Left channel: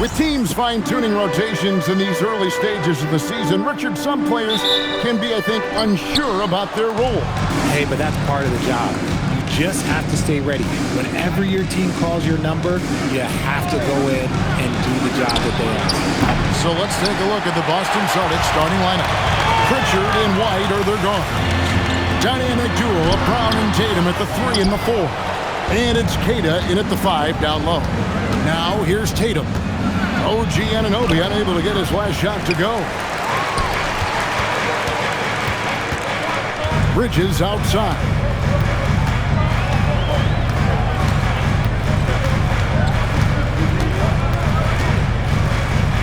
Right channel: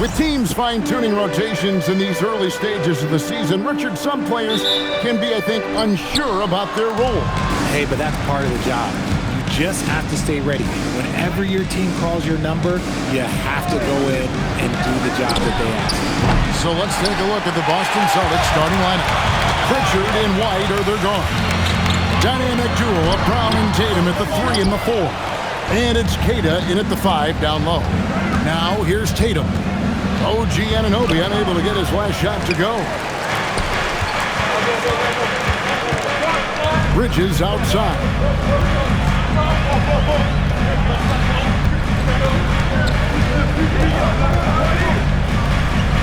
With teams fine-tuning rotations in these early stages of the season, Richard, some players can be, I think, unsure about their role. Hey, but that's part of the job. You just have to stay ready. Whenever your team calls your number, you have to go in and do the job that they ask. So let's take a look at the Boston Celtics starting lineup. Pritchard and White are their guards. Dynamic duo of Brown and Tatum at the 3 and the 4. And it's Kata in at the 5 down low. Now here's Tatum. OG Anunoby unable to get his last shot to go. Bridges outside.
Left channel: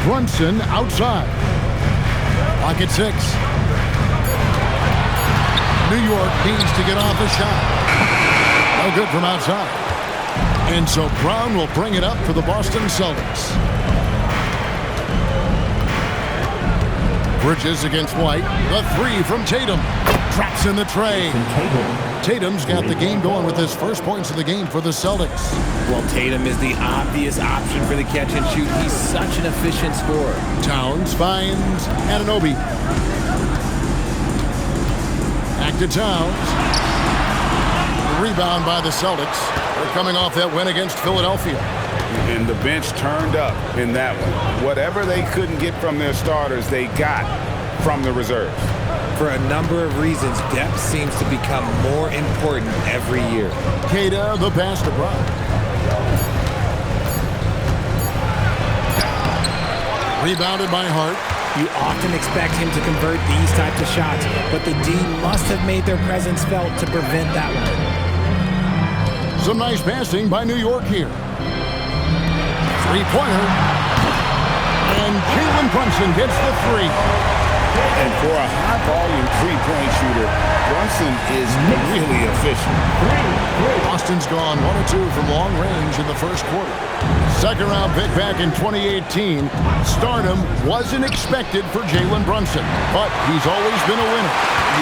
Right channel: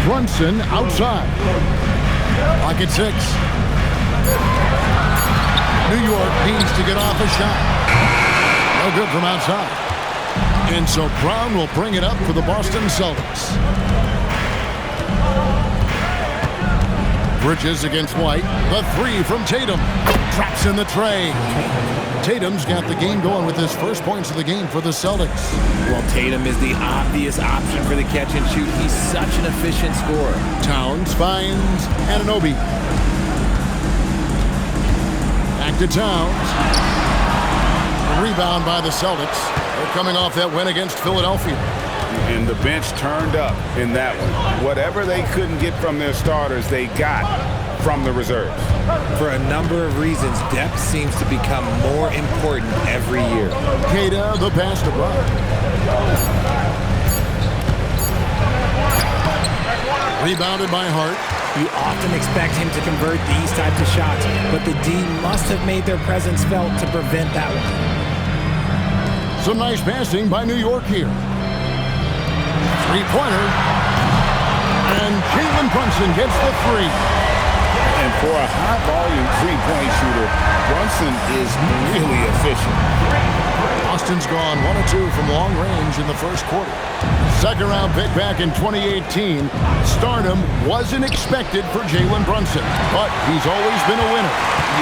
Brunson outside. Clock at 6. New York needs to get off a shot. No good from outside. And so Brown will bring it up for the Boston Celtics. Bridges against White. The 3 from Tatum. Traps in the tray. Tatum's got the game going with his first points of the game for the Celtics. Well, Tatum is the obvious option for the catch and shoot. He's such an efficient scorer. Towns finds Anunoby. Back to Towns. A rebound by the Celtics. They're coming off that win against Philadelphia. And the bench turned up in that one. Whatever they couldn't get from their starters, they got from the reserves. For a number of reasons, depth seems to become more important every year. Kata, the pass to Brown. Rebounded by Hart. You often expect him to convert these types of shots, but the D must have made their presence felt to prevent that one. Some nice passing by New York here. Three-pointer. And Jalen Brunson gets the 3. And for a high-volume three-point shooter, Brunson is really efficient. Boston's gone 1 of 2 from long range in the first quarter. Second-round pick back in 2018. Stardom wasn't expected for Jalen Brunson, but he's always been a winner.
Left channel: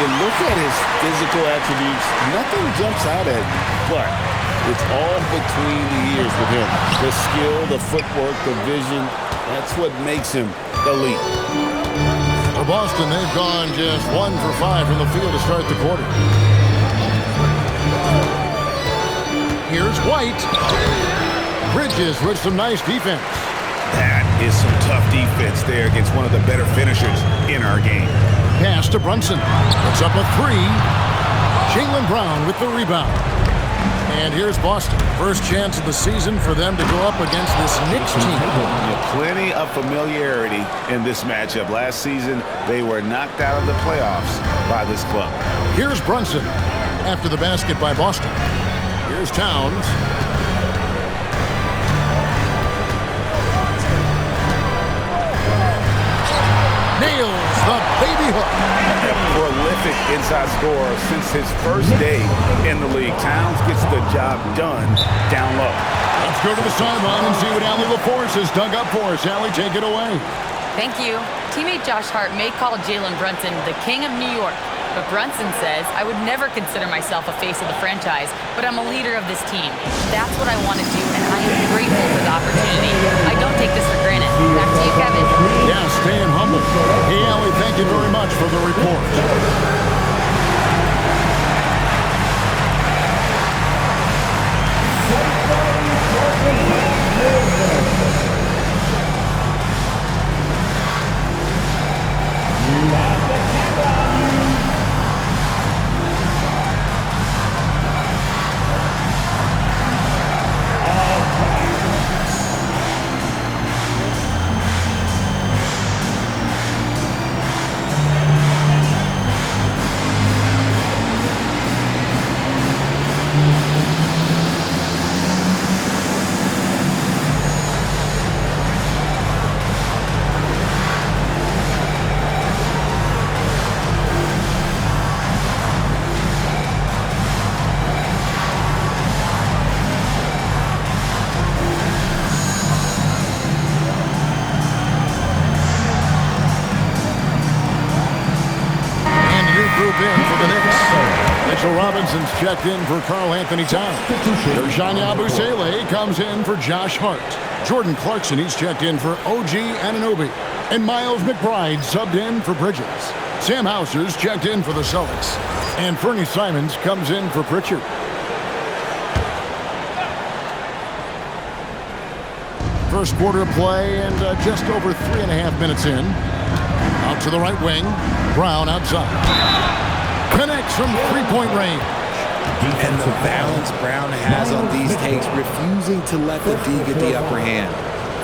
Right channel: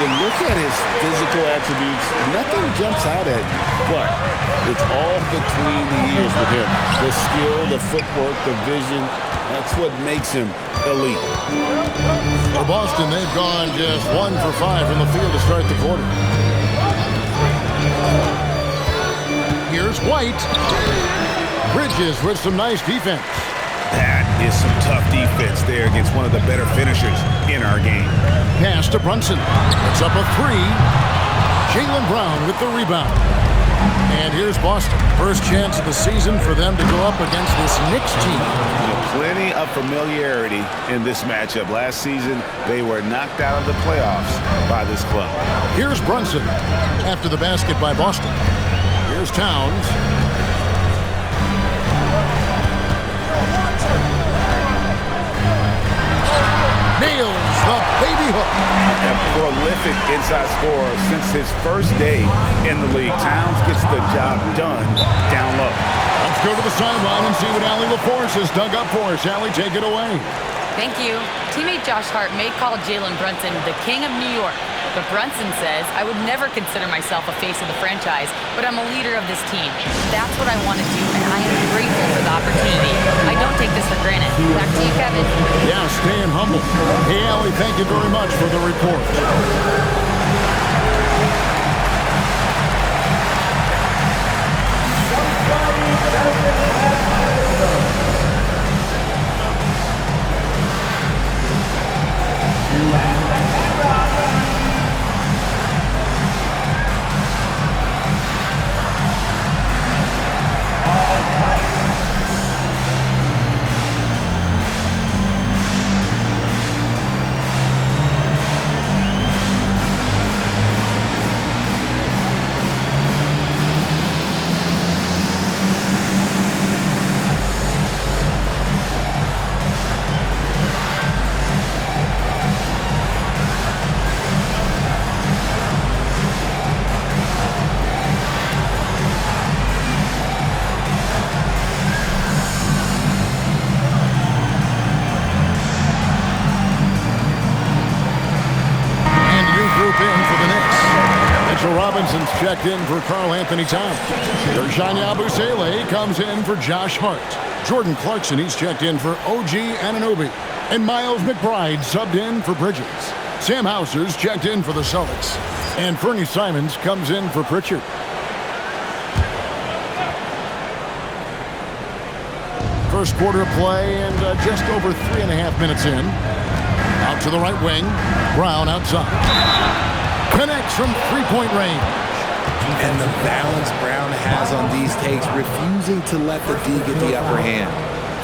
You look at his physical attributes, nothing jumps out at you, but it's all between the ears with him. The skill, the footwork, the vision, that's what makes him elite. For Boston, they've gone just 1 for 5 from the field to start the quarter. Here's White. Bridges with some nice defense. That is some tough defense there against one of the better finishers in our game. Pass to Brunson. Puts up a 3. Jaylen Brown with the rebound. And here's Boston. First chance of the season for them to go up against this Knicks team. Yeah, plenty of familiarity in this matchup. Last season, they were knocked out of the playoffs by this club. Here's Brunson after the basket by Boston. Here's Towns. Nails the baby hook. A prolific inside scorer since his first day in the league. Towns gets the job done down low. Let's go to the sideline and see what Allie LaForce has dug up for us. Allie, take it away. Thank you. Teammate Josh Hart may call Jalen Brunson the king of New York, but Brunson says, I would never consider myself a face of the franchise, but I'm a leader of this team. That's what I want to do, and I am grateful for the opportunity. I don't take this for granted. Back to you, Kevin. Yeah, staying humble. Hey, Allie, thank you very much for the report. Group in for the Knicks. Mitchell Robinson's checked in for Karl Anthony Towns. Ersan Yabusele comes in for Josh Hart. Jordan Clarkson, he's checked in for OG Anunoby. And Miles McBride subbed in for Bridges. Sam Hauser's checked in for the Celtics. And Fernie Simons comes in for Pritchard. First quarter of play and just over 3.5 minutes in. Out to the right wing. Brown outside. Connects from three-point range. And the balance Brown has on these takes, refusing to let the D get the upper hand.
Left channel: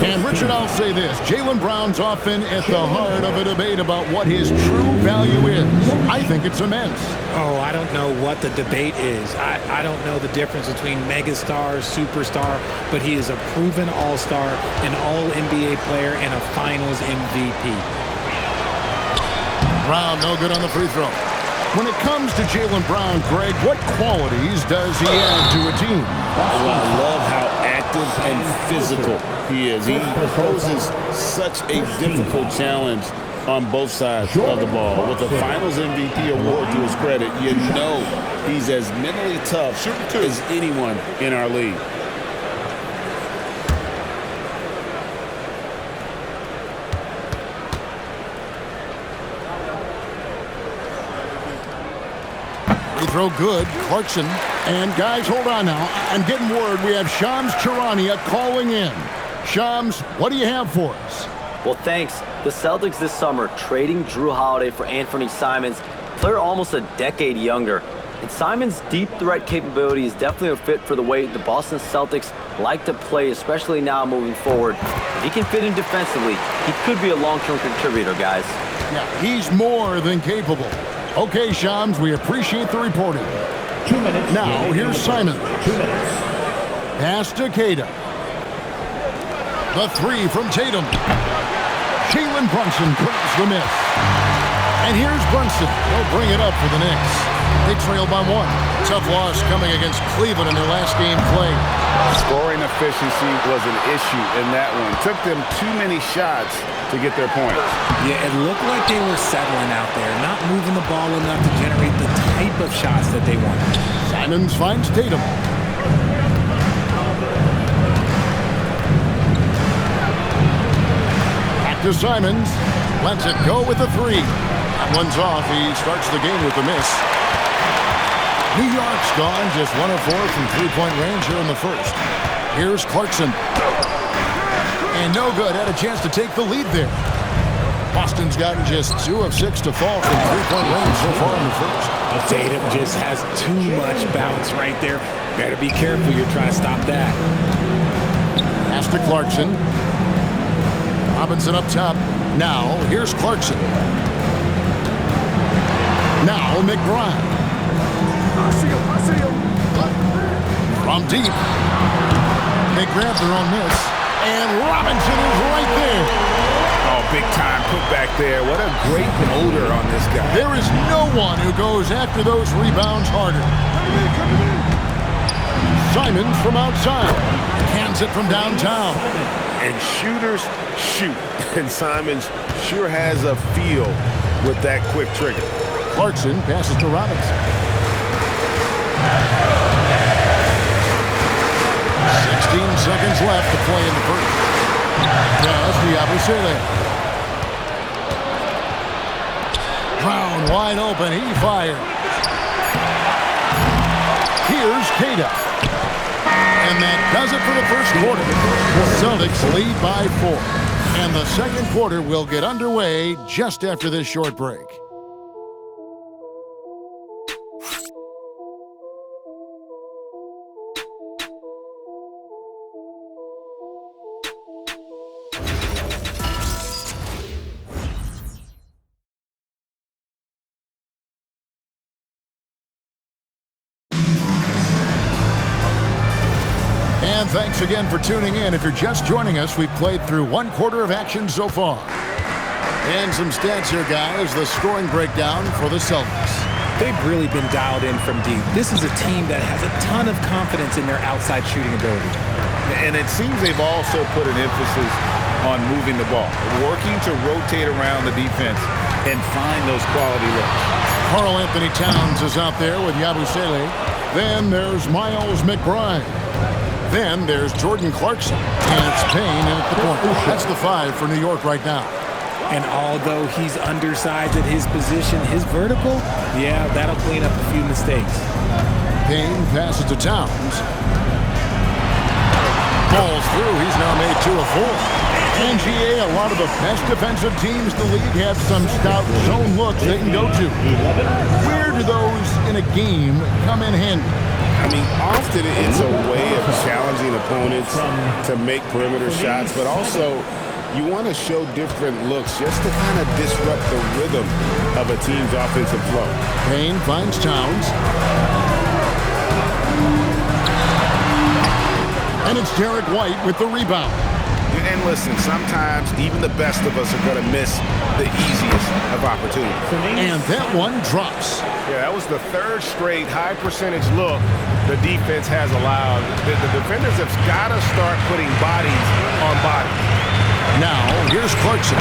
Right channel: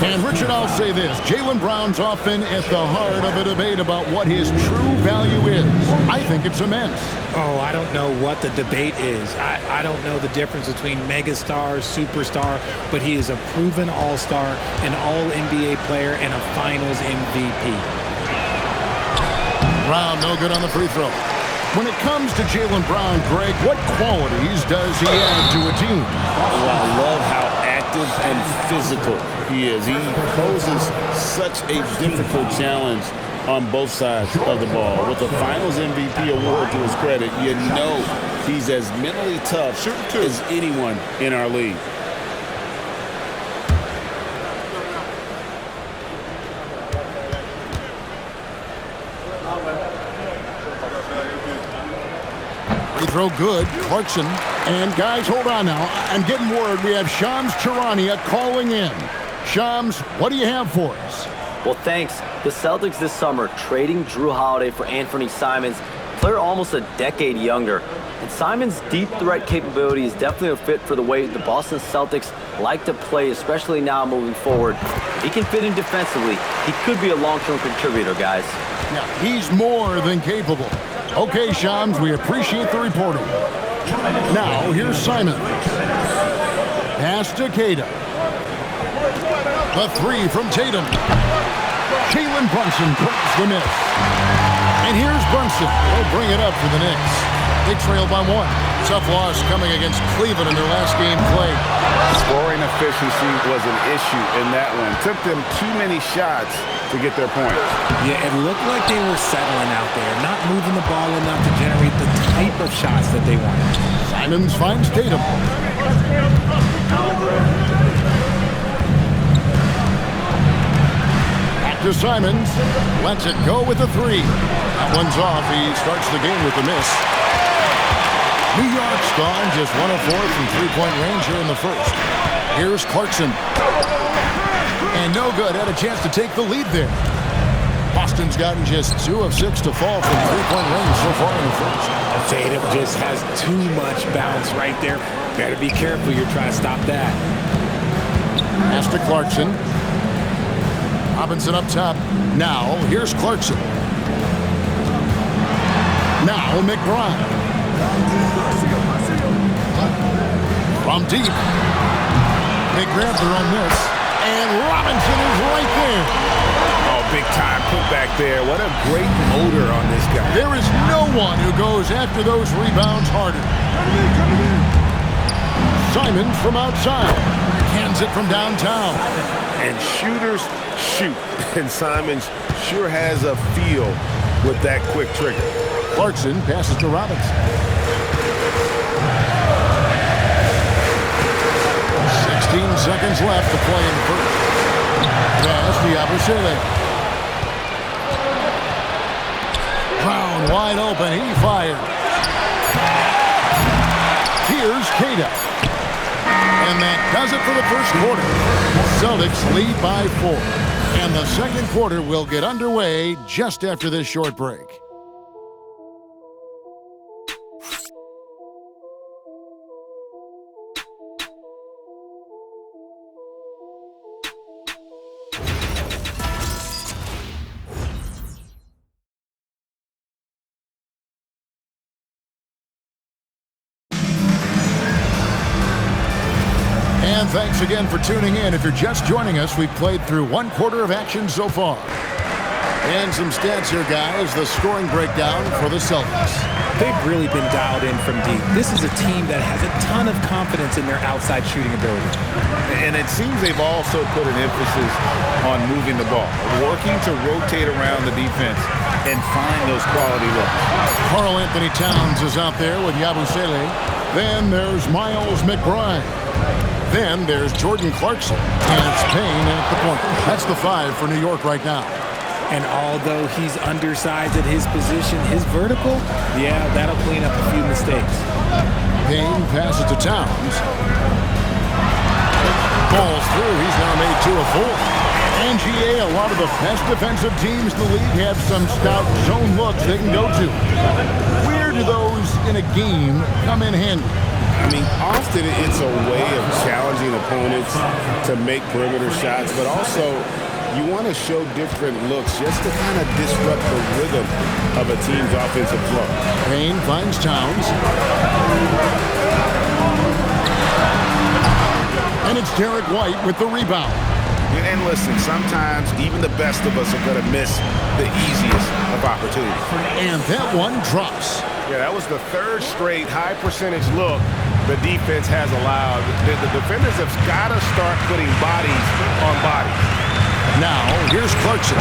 And Richard, I'll say this. Jaylen Brown's often at the heart of a debate about what his true value is. I think it's immense. Oh, I don't know what the debate is. I don't know the difference between megastar, superstar, but he is a proven all-star, an all-NBA player, and a finals MVP. Brown no good on the free throw. When it comes to Jaylen Brown, Greg, what qualities does he add to a team? Well, I love how active and physical he is. He poses such a difficult challenge on both sides of the ball. With a Finals MVP award to his credit, you know he's as mentally tough as anyone in our league. Free throw good. Clarkson. And guys, hold on now. I'm getting word we have Shams Charania calling in. Shams, what do you have for us? Well, thanks. The Celtics this summer trading Drew Holiday for Anthony Simons, player almost a decade younger. And Simons' deep threat capability is definitely a fit for the way the Boston Celtics like to play, especially now moving forward. If he can fit in defensively, he could be a long-term contributor, guys. Yeah, he's more than capable. Okay, Shams, we appreciate the reporting. Now, here's Simon. Pass to Queta. The three from Tatum. Jalen Brunson grabs the miss. And here's Brunson. He'll bring it up for the Knicks. They trail by one. Tough loss coming against Cleveland in their last game played. Scoring efficiency was an issue in that one. Took them too many shots to get their points. Yeah, it looked like they were settling out there, not moving the ball enough to generate the type of shots that they wanted. Simons finds Tatum. Back to Simons. Lets it go with the three. That one's off. He starts the game with a miss. New York's gone just 1 of 4 from three-point range here in the first. Here's Clarkson. And no good. Had a chance to take the lead there. Boston's gotten just 2 of 6 to fall from three-point range so far in the first. Tatum just has too much bounce right there. Better be careful. You're trying to stop that. Pass to Clarkson. Robinson up top. Now, here's Clarkson. Now, McBride. From deep. They grab their own miss. And Robinson is right there. Oh, big time put back there. What a great motor on this guy. There is no one who goes after those rebounds harder. Simons from outside. Cans it from downtown. And shooters shoot. And Simons sure has a feel with that quick trigger. Clarkson passes to Robinson. 16 seconds left to play in the first. Pass to Yabusele. Brown wide open. He fires. Here's Queta. And that does it for the first quarter. Celtics lead by 4. And the second quarter will get underway just after this short break. And thanks again for tuning in. If you're just joining us, we've played through 1 quarter of action so far. And some stats here, guys. The scoring breakdown for the Celtics. They've really been dialed in from deep. This is a team that has a ton of confidence in their outside shooting ability. And it seems they've also put an emphasis on moving the ball, working to rotate around the defense and find those quality looks. Karl Anthony Towns is out there with Yabusele. Then there's Miles McBride. Then there's Jordan Clarkson, and it's Payne in at the point. That's the 5 for New York right now. And although he's undersized at his position, his vertical, yeah, that'll clean up a few mistakes. Payne passes to Towns. Balls through. He's now made 2 of 4. And GA, a lot of the best defensive teams in the league have some stout zone looks they can go to. Where do those in a game come in handy? I mean, often it's a way of challenging opponents to make perimeter shots, but also you want to show different looks just to kind of disrupt the rhythm of a team's offensive flow. Payne finds Towns. And it's Derek White with the rebound. And listen, sometimes even the best of us are going to miss the easiest of opportunities. And that one drops. Yeah, that was the 3rd straight high percentage look the defense has allowed. The defenders have got to start putting bodies on bodies. Now, here's Clarkson.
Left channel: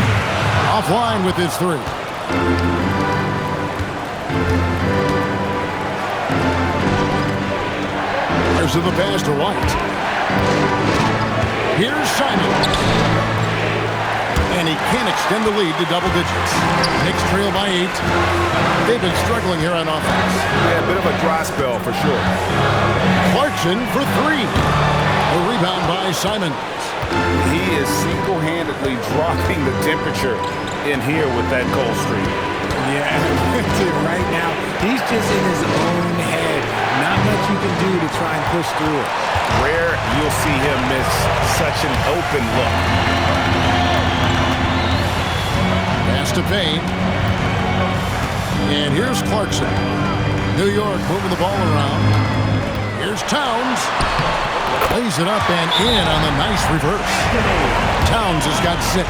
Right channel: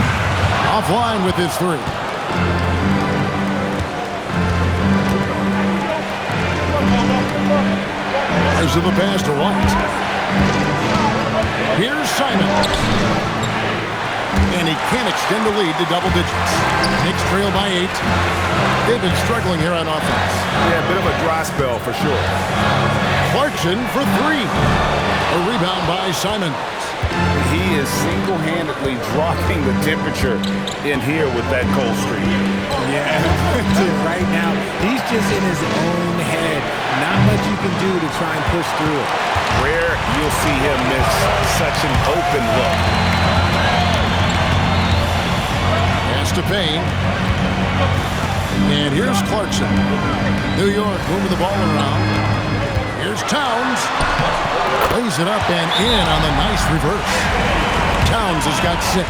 Offline with his 3. There's the pass to White. Here's Simon. And he can't extend the lead to double digits. Knicks trail by 8. They've been struggling here on offense. Yeah, a bit of a dry spell for sure. Clarkson for 3. A rebound by Simon. He is single-handedly dropping the temperature in here with that cold streak. Yeah, right now, he's just in his own head. Not much you can do to try and push through it. Rare you'll see him miss such an open look. Pass to Payne. And here's Clarkson. New York moving the ball around. Here's Towns. Lays it up and in on the nice reverse. Towns has got 6.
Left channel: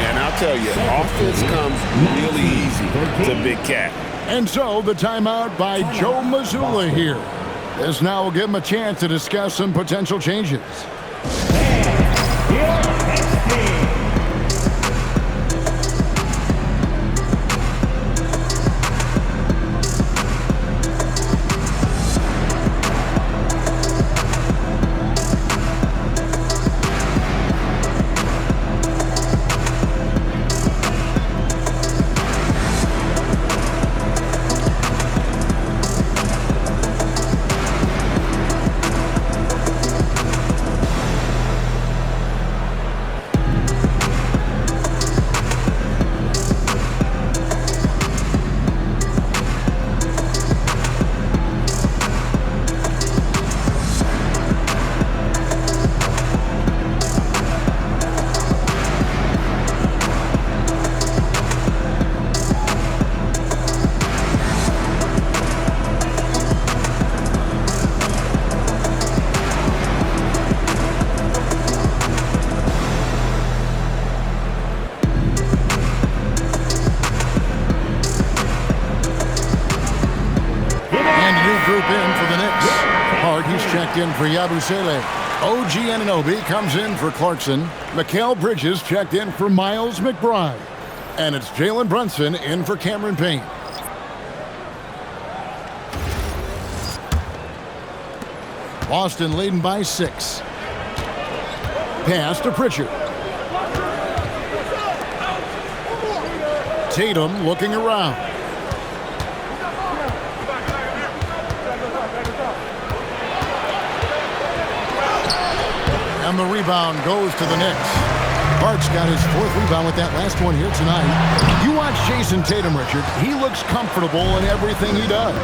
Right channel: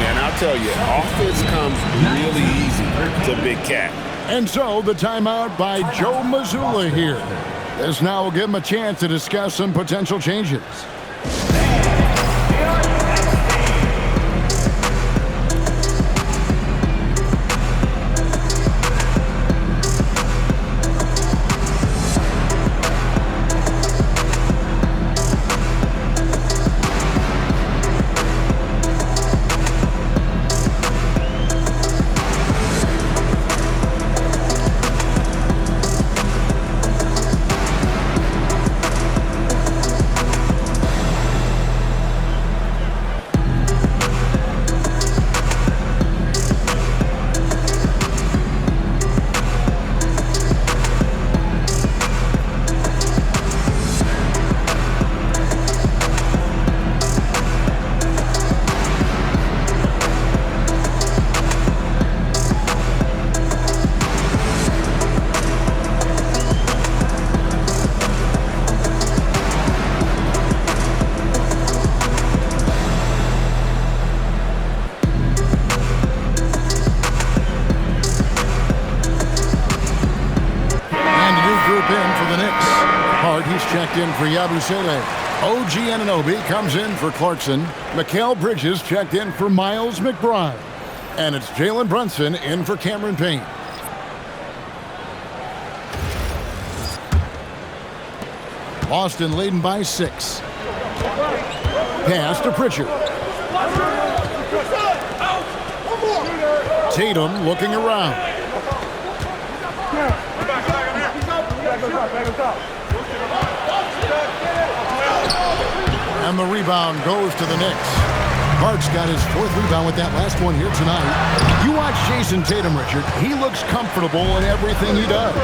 And I'll tell you, offense comes really easy to Big Cat. And so the timeout by Joe Mazzulla here. This now will give him a chance to discuss some potential changes. In for the Knicks. Hart, he's checked in for Yabusele. OG Anunoby comes in for Clarkson. Mikal Bridges checked in for Miles McBride. And it's Jalen Brunson in for Cameron Payne. Boston leading by 6. Pass to Pritchard. Tatum looking around. And the rebound goes to the Knicks. Hart's got his 4th rebound with that last one here tonight. You watch Jason Tatum, Richard. He looks comfortable in everything he does.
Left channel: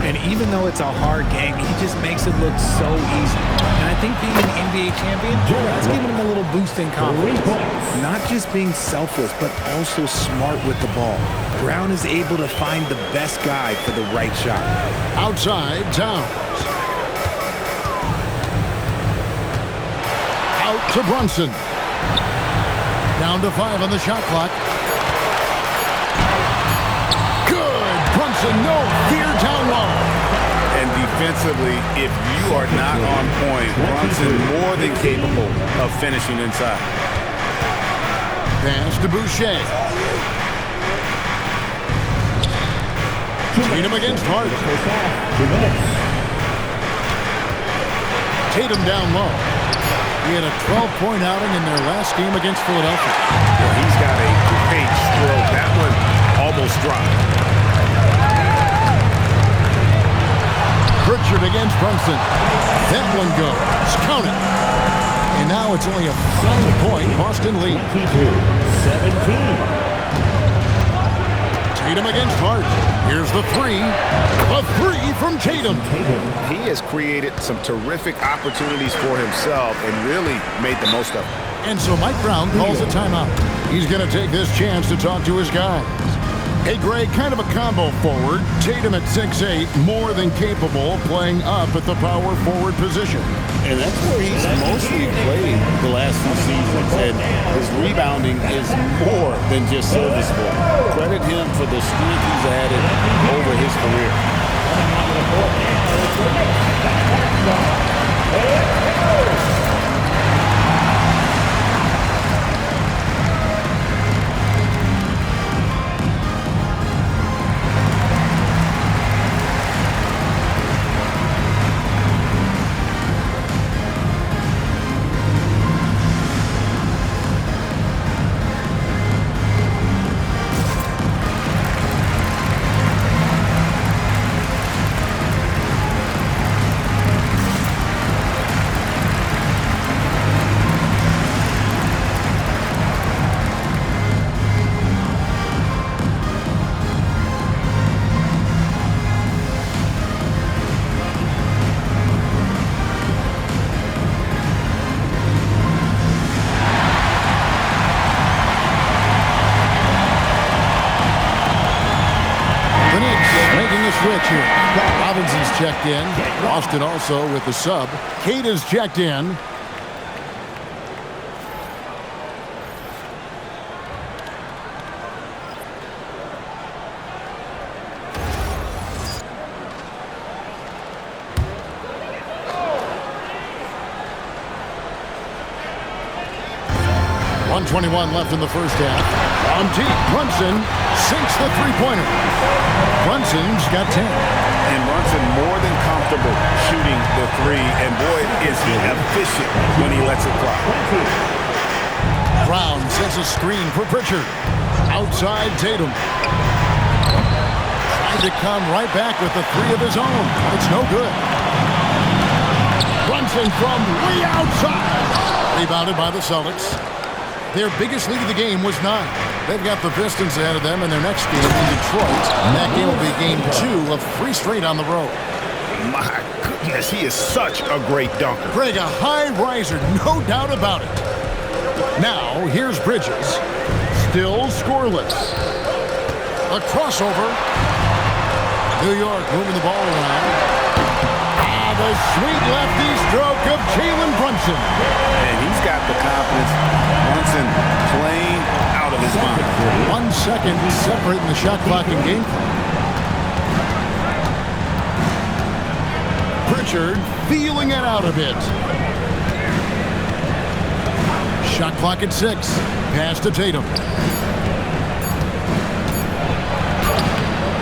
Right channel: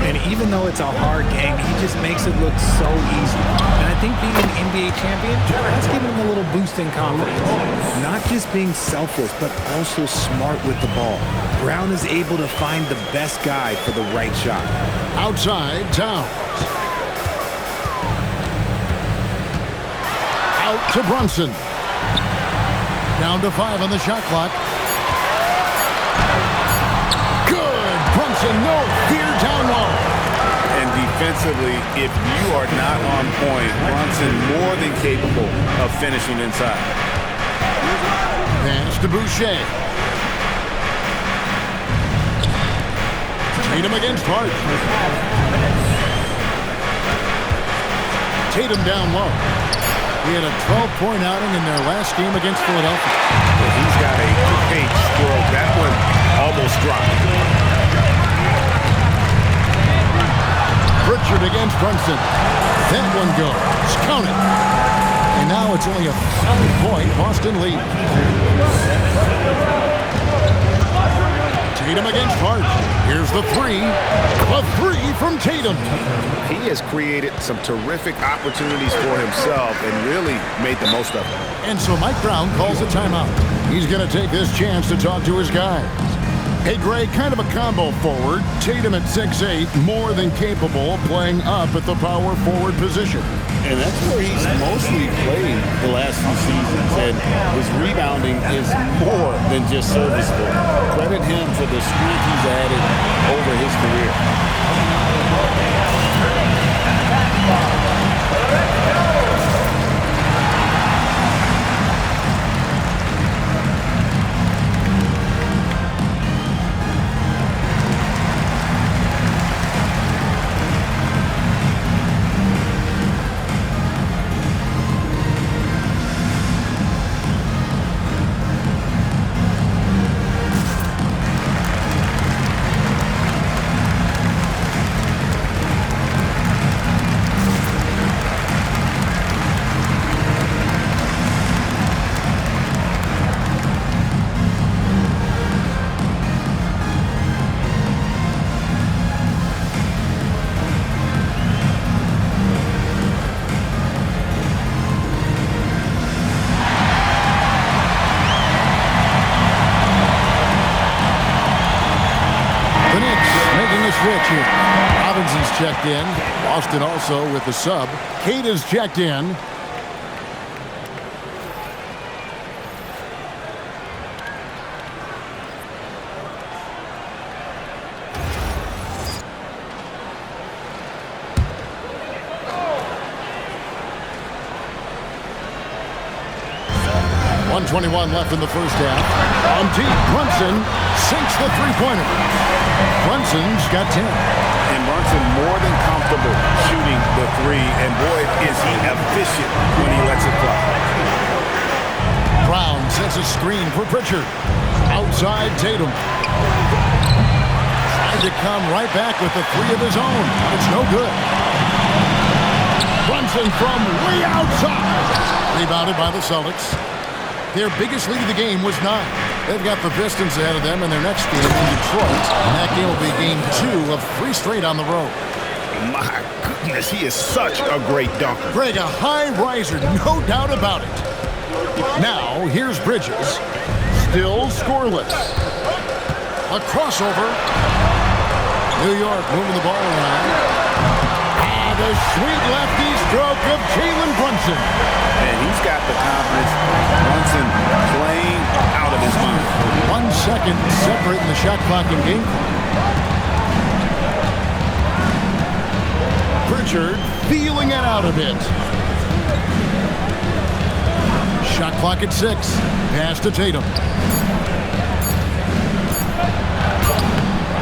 And even though it's a hard game, he just makes it look so easy. And I think being an NBA champion, that's giving him a little boost in confidence. Not just being selfless, but also smart with the ball. Brown is able to find the best guy for the right shot. Outside, Towns. Out to Brunson. Down to 5 on the shot clock. Good. Brunson, no fear down low. And defensively, if you are not on point, Brunson more than capable of finishing inside. Pass to Boucher. Tatum against Hart. Tatum down low. He had a 12-point outing in their last game against Philadelphia. Well, he's got a great stroke. That one almost dropped. Pritchard against Brunson. That one goes. Count it. And now it's only a 5-point Boston lead. 17. Tatum against Hart. Here's the three. A three from Tatum. He has created some terrific opportunities for himself and really made the most of it. And so Mike Brown calls a timeout. He's going to take this chance to talk to his guys. Hey, Greg, kind of a combo forward. Tatum at 6'8", more than capable of playing up at the power forward position. And that's where he's mostly played the last few seasons. And his rebounding is more than just serviceable. Credit him for the strength he's added over his career. The Knicks making a switch here. Robinson's checked in. Boston also with the sub. Keita's checked in. .121 left in the first half. On deep, Brunson sinks the three-pointer. Brunson's got 10. And Brunson more than comfortable shooting the three. And boy, is he efficient when he lets it fly. Brown sets a screen for Pritchard. Outside Tatum. Tried to come right back with the three of his own, but it's no good. Brunson from way outside. Rebounded by the Celtics. Their biggest lead of the game was 9. They've got the Pistons ahead of them in their next game in Detroit. And that game will be game 2 of 3 straight on the road. My goodness, he is such a great dunker. Greg, a high riser, no doubt about it. Now, here's Bridges. Still scoreless. A crossover. New York moving the ball around. The sweet lefty stroke of Jalen Brunson. And he's got the confidence. Brunson playing out of his mind. 1 second separating the shot clock and game clock. Pritchard feeling it out a bit. Shot clock at 6. Pass to Tatum.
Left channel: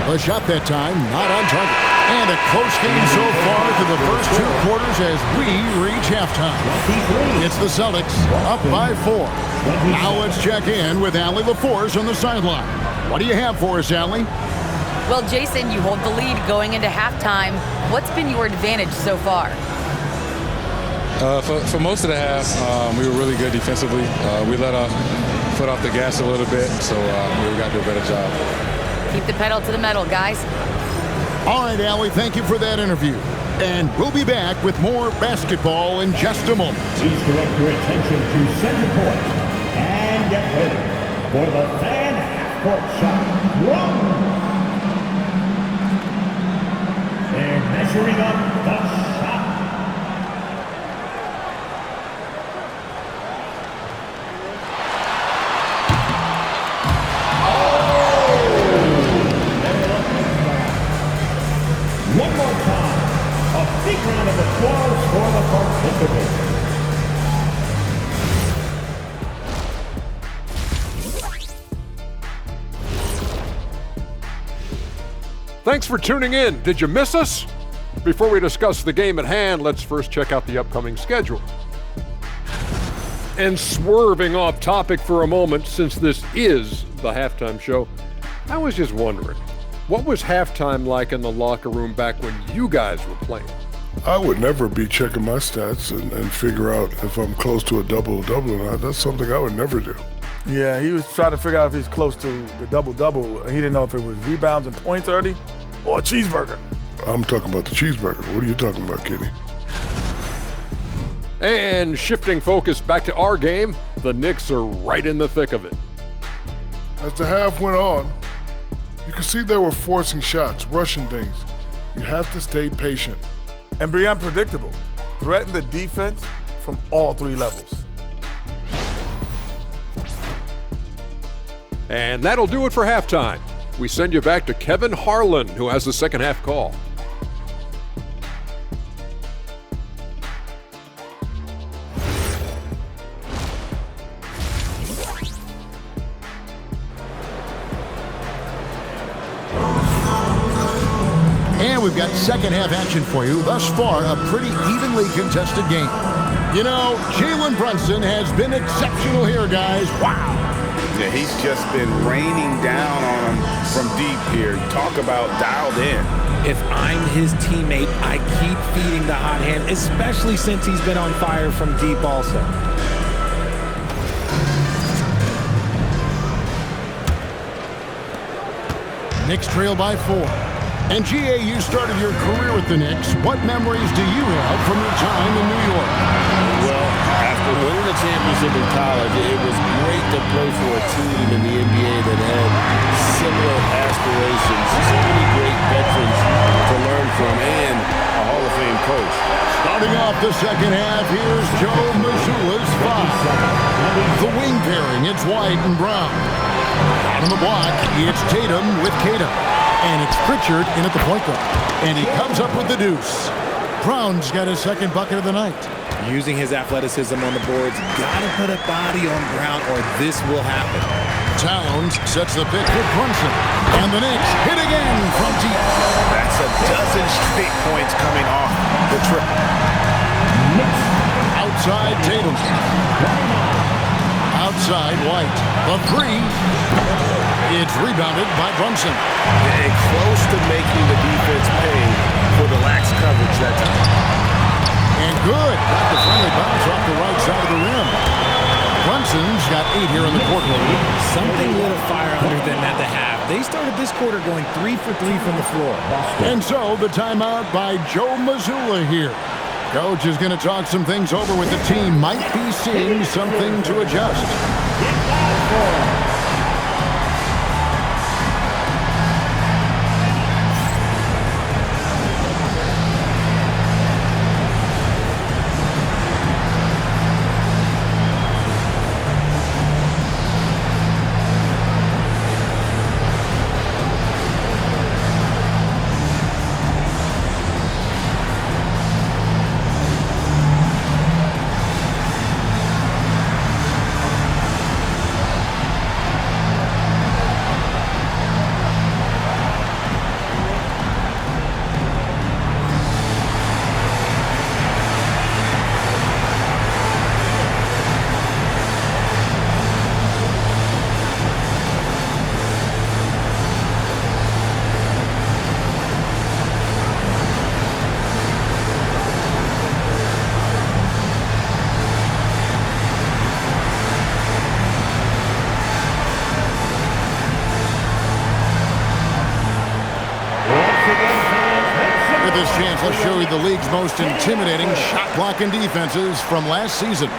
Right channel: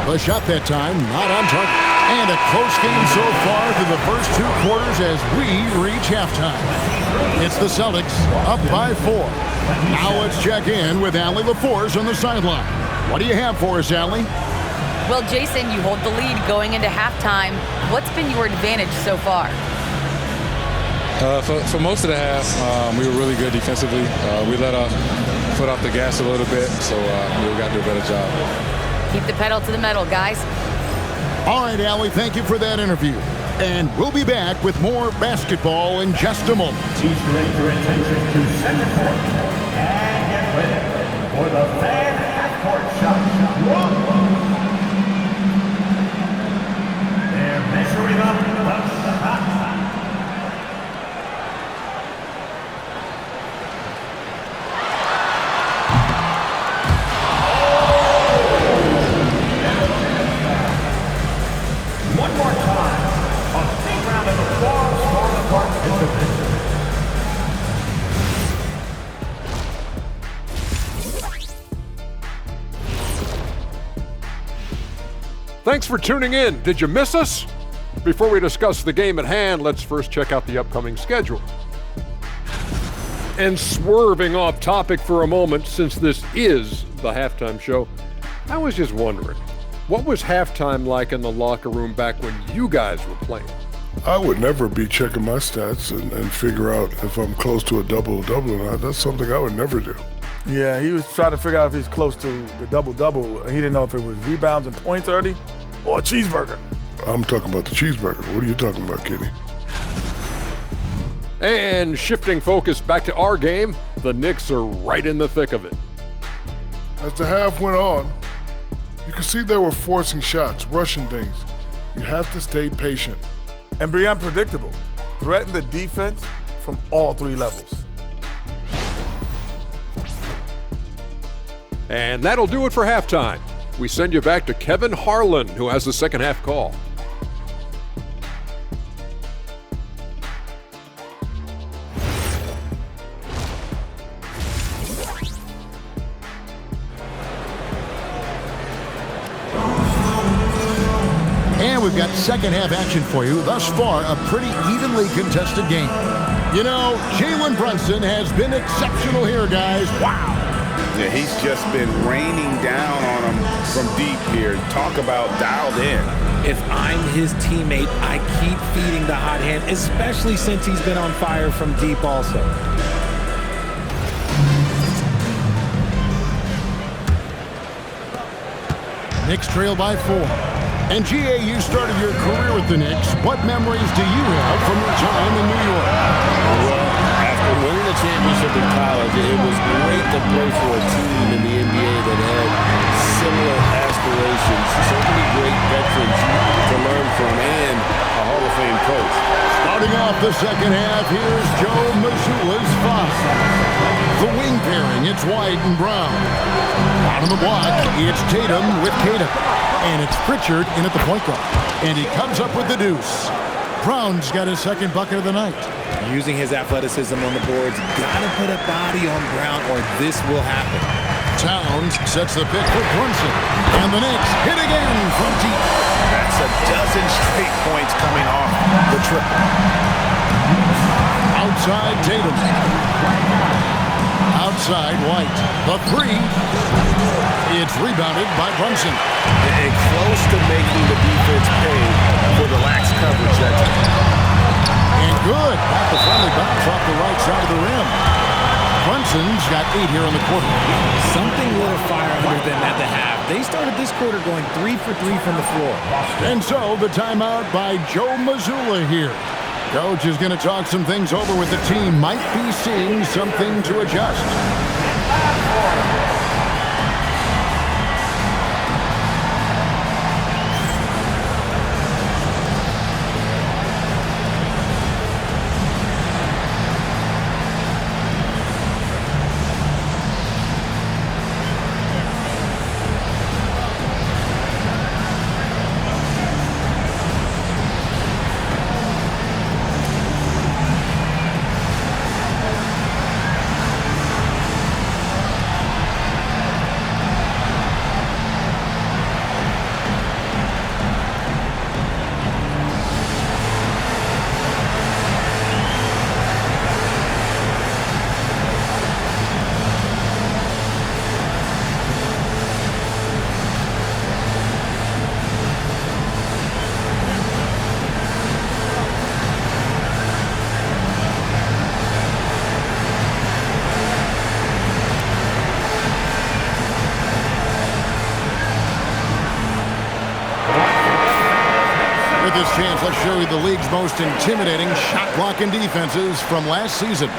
The shot that time not on target. And a close game so far through the first 2 quarters as we reach halftime. It's the Celtics up by 4. Now let's check in with Allie LaForce on the sideline. What do you have for us, Allie? Well, Jason, you hold the lead going into halftime. What's been your advantage so far? For most of the half, we were really good defensively. We let our foot off the gas a little bit, so we got to do a better job. Keep the pedal to the metal, guys. All right, Allie, thank you for that interview. And we'll be back with more basketball in just a moment. Please direct your attention to center court and get ready for the fan half-court shot. They're measuring up the shot. One more time, a big round of applause for the participants. Thanks for tuning in. Did you miss us? Before we discuss the game at hand, let's first check out the upcoming schedule. And swerving off topic for a moment, since this is the halftime show, I was just wondering, what was halftime like in the locker room back when you guys were playing? I would never be checking my stats and figure out if I'm close to a double-double or not. That's something I would never do. Yeah, he was trying to figure out if he's close to the double-double. He didn't know if it was rebounds and points already or a cheeseburger. I'm talking about the cheeseburger. What are you talking about, Kenny? And shifting focus back to our game, the Knicks are right in the thick of it. As the half went on, you could see they were forcing shots, rushing things. You have to stay patient. And be unpredictable. Threaten the defense from all three levels. And that'll do it for halftime. We send you back to Kevin Harlan, who has the second half call. And we've got second half action for you. Thus far, a pretty evenly contested game. You know, Jalen Brunson has been exceptional here, guys. Wow. Yeah, he's just been raining down on him from deep here. Talk about dialed in. If I'm his teammate, I keep feeding the hot hand, especially since he's been on fire from deep also. Knicks trail by 4. And GA, you started your career with the Knicks. What memories do you have from your time in New York? Well, after winning the championship in college, it was great to play for a team in the NBA that had similar aspirations. So many great veterans to learn from and a Hall of Fame coach. Starting off the second half, here's Joe Mazzulla's 5. The wing pairing, it's White and Brown. Down on the block, it's Tatum with Kata. And it's Pritchard in at the point guard. And he comes up with the deuce. Brown's got his second bucket of the night. Using his athleticism on the boards, gotta put a body on Brown or this will happen. Towns sets the pick for Brunson. And the Knicks hit again from deep. That's a dozen straight points coming off the triple. Outside Tatum. Outside White. The 3. It's rebounded by Brunson. And close to making the defense pay for the lax coverage that time. And good. Got the friendly bounce off the right side of the rim. Brunson's got 8 here in the quarter. Something lit a fire under them at the half. They started this quarter going 3 for 3 from the floor. And so the timeout by Joe Mazzulla here. Coach is going to talk some things over with the team. Might be seeing something to adjust. With this chance, let's show you the league's most intimidating shot-blocking defenses from last season.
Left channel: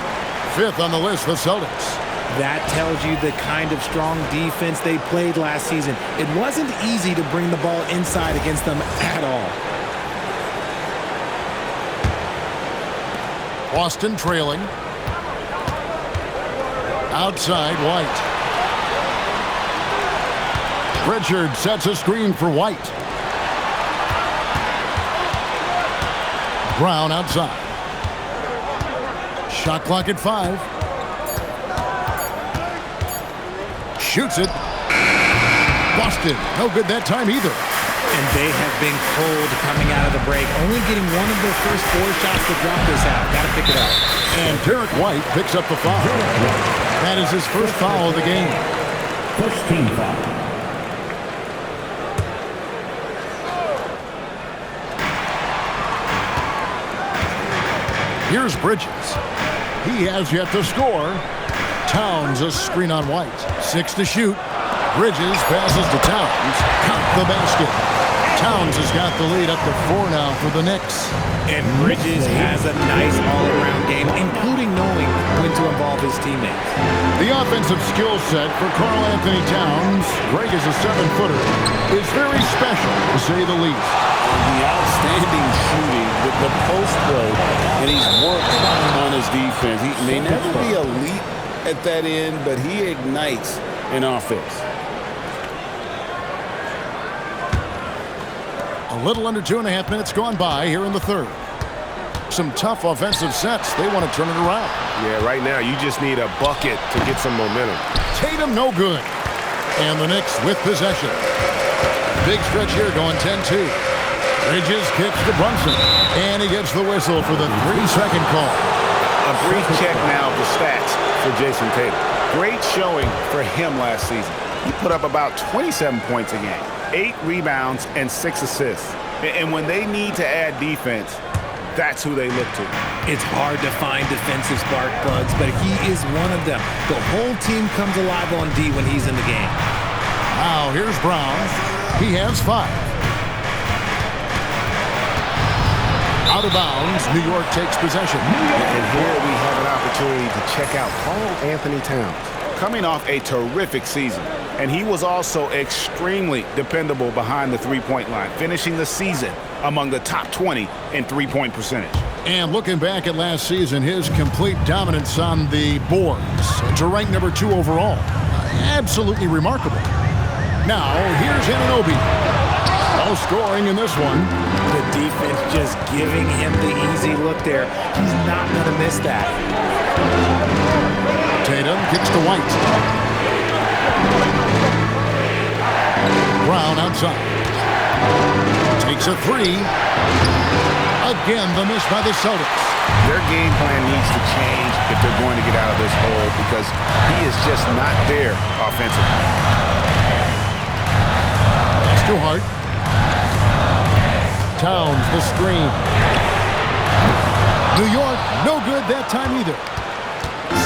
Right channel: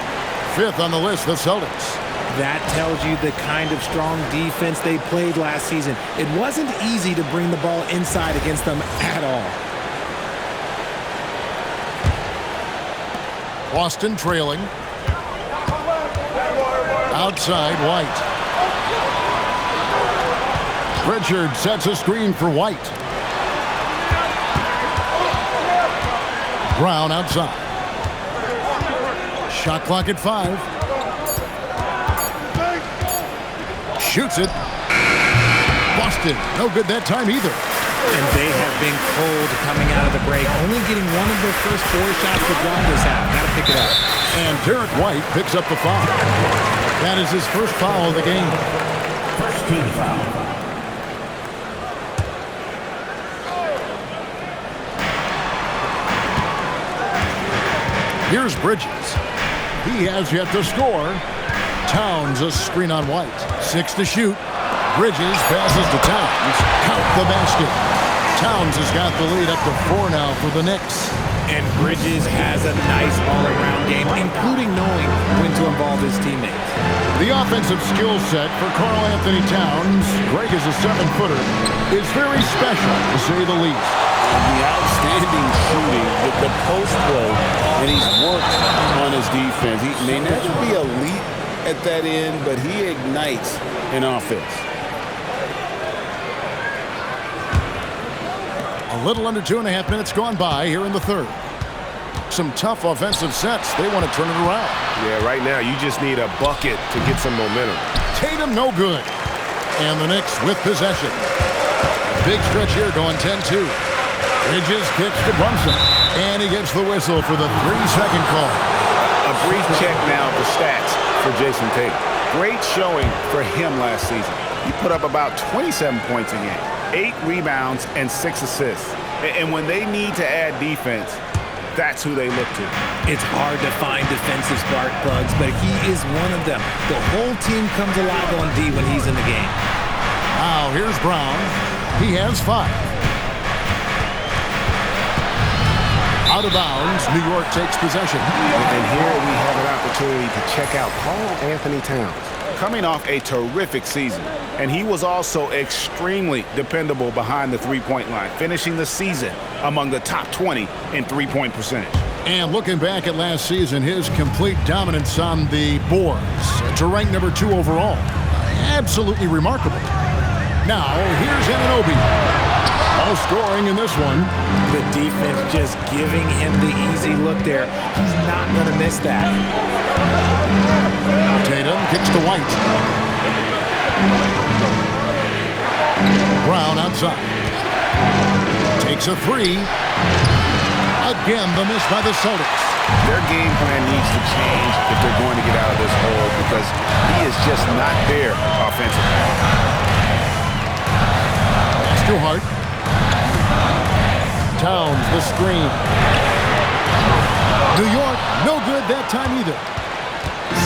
5th on the list, the Celtics. That tells you the kind of strong defense they played last season. It wasn't easy to bring the ball inside against them at all. Boston trailing. Outside, White. Pritchard sets a screen for White. Brown outside. Shot clock at 5. Shoots it. Boston, no good that time either. And they have been cold coming out of the break, only getting one of their first 4 shots to drop this half. Got to pick it up. And Derek White picks up the foul. That is his first foul of the game. First team foul. Here's Bridges. He has yet to score. Towns a screen on White. 6 to shoot. Bridges passes to Towns. Count the basket. Towns has got the lead up to 4 now for the Knicks. And Bridges has a nice all-around game, including knowing when to involve his teammates. The offensive skill set for Karl Anthony Towns, Greg is a 7-footer, is very special, to say the least. The outstanding shooting, the post play, and he's worked on his defense. He may never be elite at that end, but he ignites an offense. A little under 2.5 minutes gone by here in the third. Some tough offensive sets. They want to turn it around. Yeah, right now you just need a bucket to get some momentum. Tatum no good. And the Knicks with possession. A big stretch here going 10-2. Bridges kicks to Brunson. And he gets the whistle for the 3-second call. A brief check now of the stats for Jason Tatum. Great showing for him last season. He put up about 27 points a game, 8 rebounds, and 6 assists. And when they need to add defense, that's who they look to. It's hard to find defensive spark plugs, but he is one of them. The whole team comes alive on D when he's in the game. Now here's Brown. He has 5. Out of bounds, New York takes possession. And here we have an opportunity to check out Karl Anthony Towns. Coming off a terrific season, and he was also extremely dependable behind the three-point line, finishing the season among the top 20 in three-point percentage. And looking back at last season, his complete dominance on the boards to rank number 2 overall. Absolutely remarkable. Now, here's Anunoby. No scoring in this one. The defense just giving him the easy look there. He's not going to miss that. Tatum kicks to White. Brown outside. Takes a 3. Again, the miss by the Celtics. Their game plan needs to change if they're going to get out of this hole because he is just not there offensively. That's too hard. Towns, the screen. New York, no good that time either.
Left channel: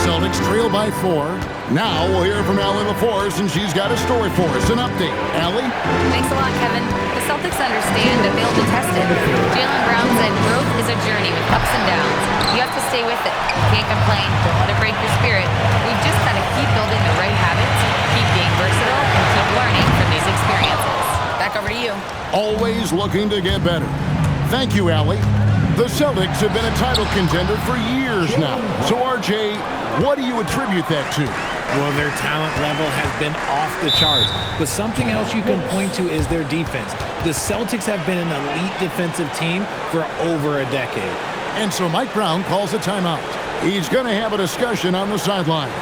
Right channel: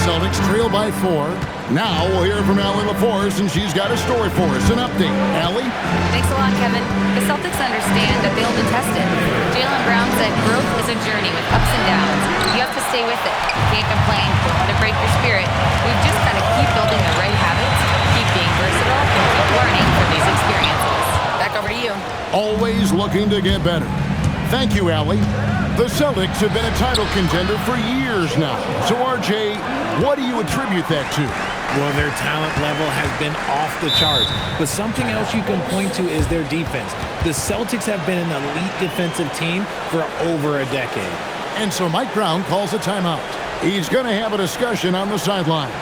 Celtics trail by 4. Now we'll hear from Allie LaForce, and she's got a story for us. An update. Allie? Thanks a lot, Kevin. The Celtics understand that they'll be tested. Jaylen Brown said growth is a journey with ups and downs. You have to stay with it. You can't complain. Don't let it break your spirit. We've just got to keep building the right habits, keep being versatile, and keep learning from these experiences. Back over to you. Always looking to get better. Thank you, Allie. The Celtics have been a title contender for years now. So, RJ, what do you attribute that to? Well, their talent level has been off the charts. But something else you can point to is their defense. The Celtics have been an elite defensive team for over a decade. And so Mike Brown calls a timeout. He's going to have a discussion on the sideline.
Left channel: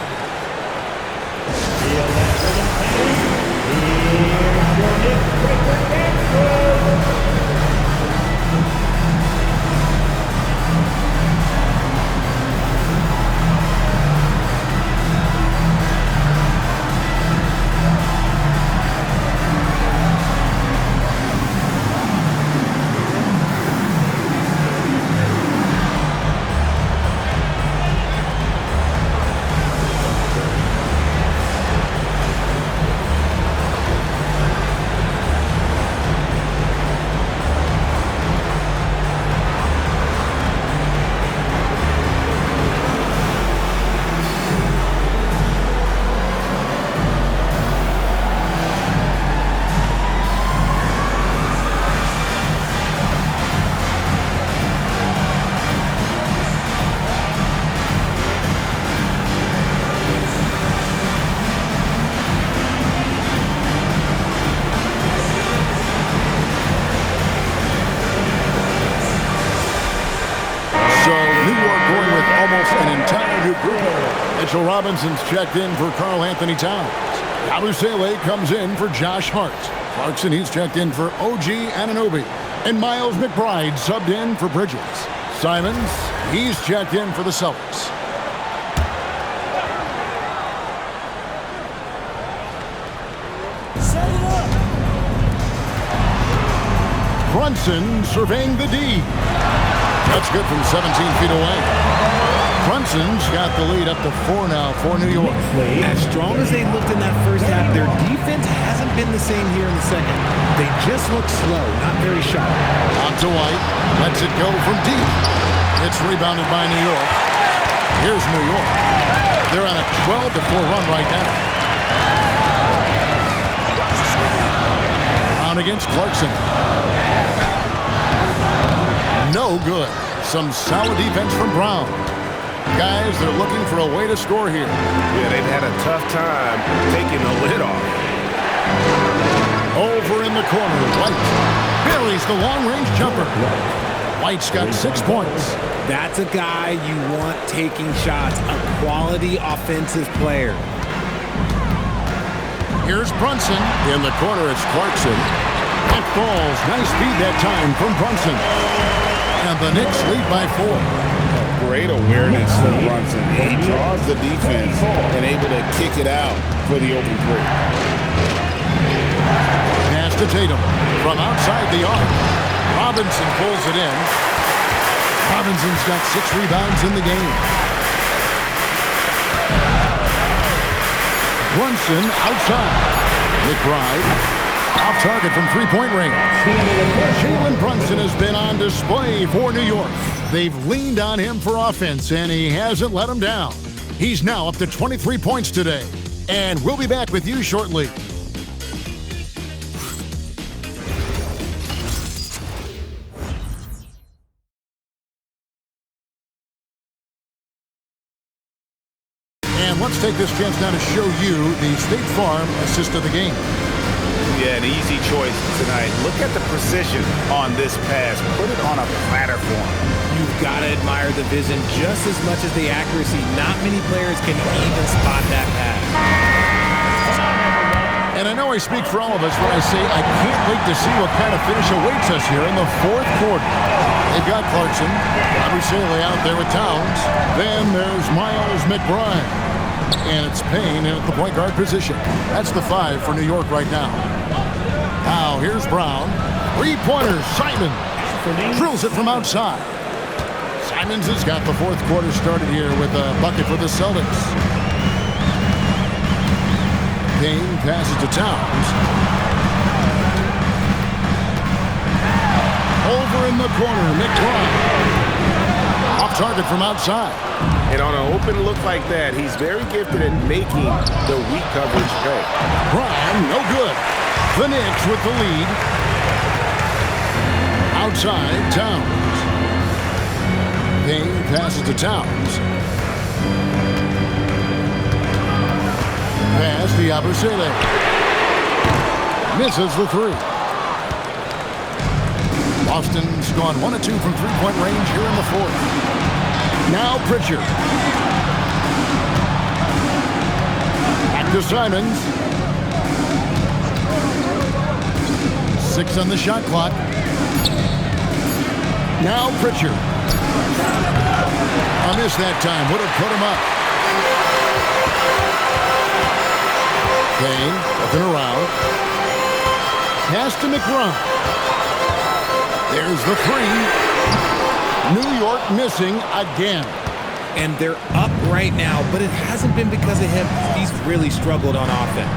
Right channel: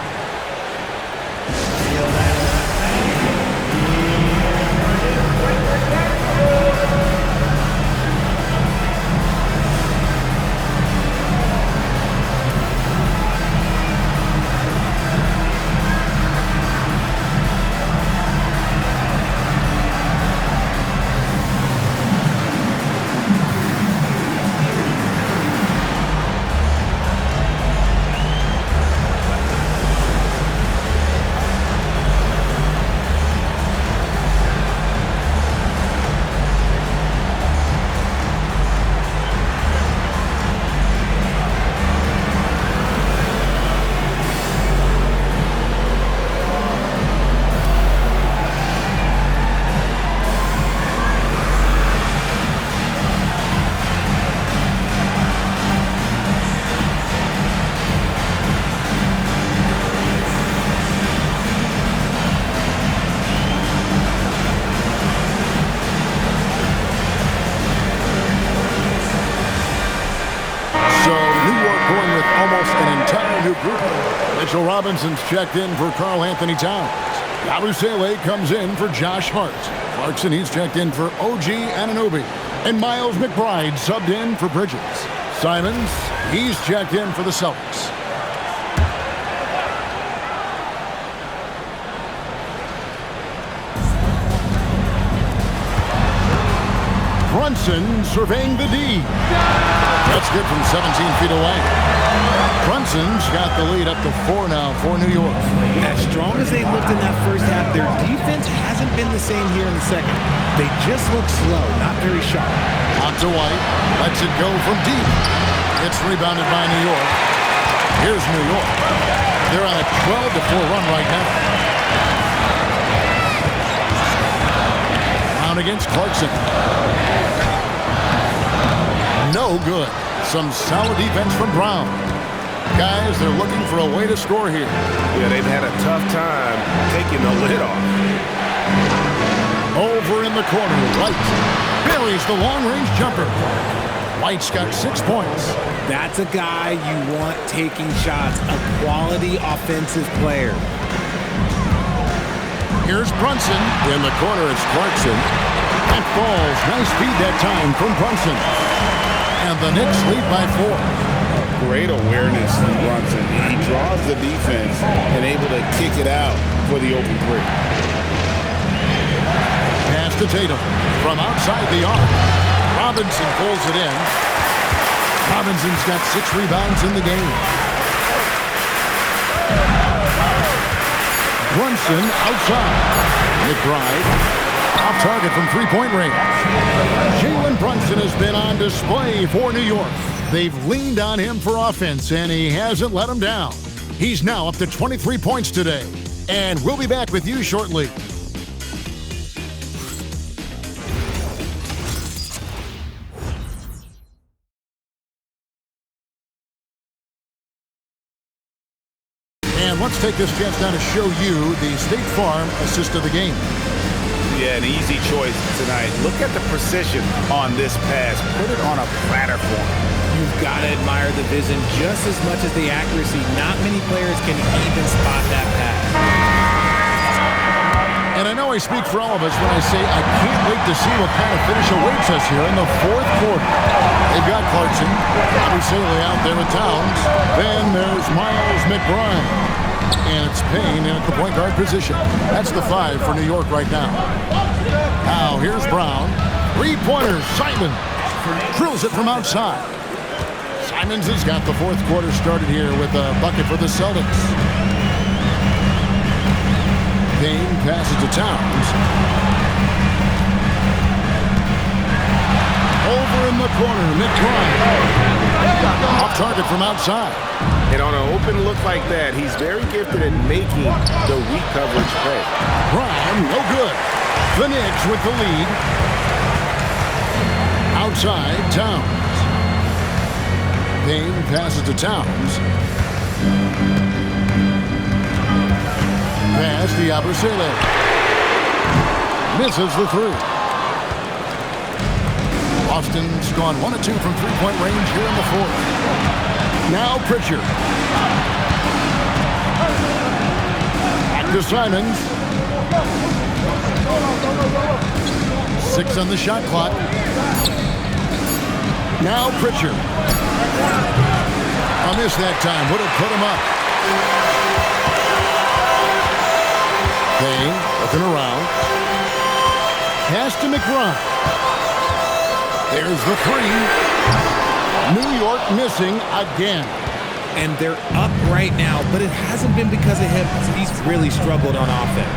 Almost an entire new group. Mitchell Robinson's checked in for Karl Anthony Towns. Yabusele comes in for Josh Hart. Clarkson, he's checked in for OG Anunoby. And Miles McBride subbed in for Bridges. Simons, he's checked in for the Celtics. Brunson surveying the D. That's good from 17 feet away. Brunson's got the lead up to 4 now for New York. As strong as they looked in that first half, their defense hasn't been the same here in the second. They just look slow, not very sharp. Out to White, lets it go from deep. It's rebounded by New York. Here's New York. They're on a 12-4 run right now. Brown against Clarkson. No good. Some solid defense from Brown. Guys, they're looking for a way to score here. Yeah, they've had a tough time taking the lid off. Over in the corner, White buries the long-range jumper. White's got 6 points. That's a guy you want taking shots, a quality offensive player. Here's Brunson. In the corner, it's Clarkson. That falls. Nice feed that time from Brunson. And the Knicks lead by 4. Great awareness from Brunson. He draws the defense and able to kick it out for the open three. Pass to Tatum from outside the arc. Robinson pulls it in. Robinson's got 6 rebounds in the game. Brunson outside. McBride off target from three-point range. Jalen Brunson has been on display for New York. They've leaned on him for offense, and he hasn't let them down. He's now up to 23 points today. And we'll be back with you shortly. And let's take this chance now to show you the State Farm assist of the game. Yeah, an easy choice tonight. Look at the precision on this pass. Put it on a platter form. You've got to admire the vision just as much as the accuracy. Not many players can even spot that pass. And I know I speak for all of us when I say I can't wait to see what kind of finish awaits us here in the fourth quarter. They've got Clarkson, Abusele out there with Towns. Then there's Miles McBride. And it's Payne in at the point guard position. That's the 5 for New York right now. Now here's Brown. 3-pointers, Simon drills it from outside. Simons has got the fourth quarter started here with a bucket for the Celtics. Payne passes to Towns. Over in the corner, McBride. Off target from outside. And on an open look like that, he's very gifted at making the weak coverage pay. Brown, no good. The Knicks with the lead. Outside, Towns. Payne passes to Towns. Pass to Abusele. Misses the 3. Boston's gone 1 of 2 from three-point range here in the fourth. Now Pritchard. Back to Simons. 6 on the shot clock. Now Pritchard. A miss that time. Would have put him up. Payne looking around. Pass to McBride. There's the 3. New York missing again. And they're up right now, but it hasn't been because of him. He's really struggled on offense.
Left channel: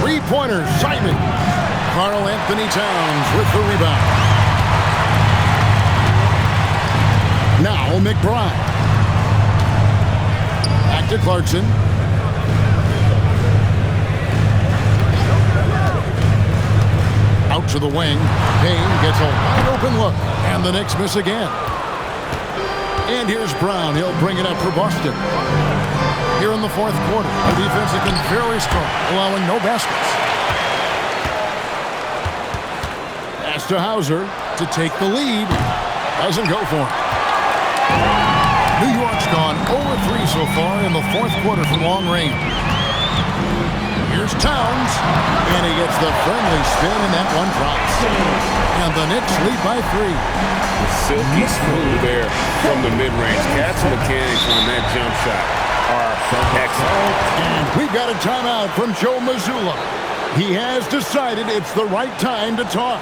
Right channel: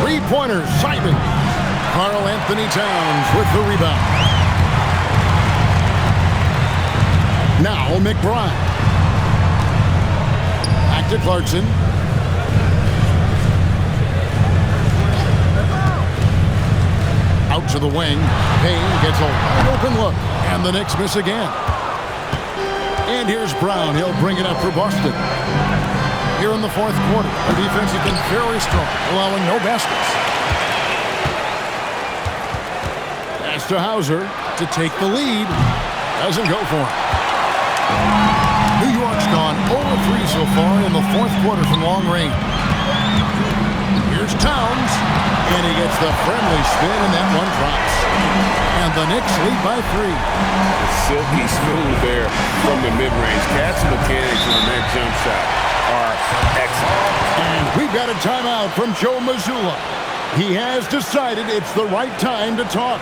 3-pointers, Simon. Karl Anthony Towns with the rebound. Now McBride. Back to Clarkson. Out to the wing. Payne gets a wide open look. And the Knicks miss again. And here's Brown. He'll bring it up for Boston. Here in the fourth quarter, their defense has been very strong, allowing no baskets. Pass to Hauser to take the lead. Doesn't go for him. New York's gone 0-3 so far in the fourth quarter from long range. Here's Towns, and he gets the friendly spin, and that one drops. And the Knicks lead by 3. Silky smooth there from the mid-range. Cat's mechanics on that jump shot are excellent. And we've got a timeout from Joe Mazzulla. He has decided it's the right time to talk.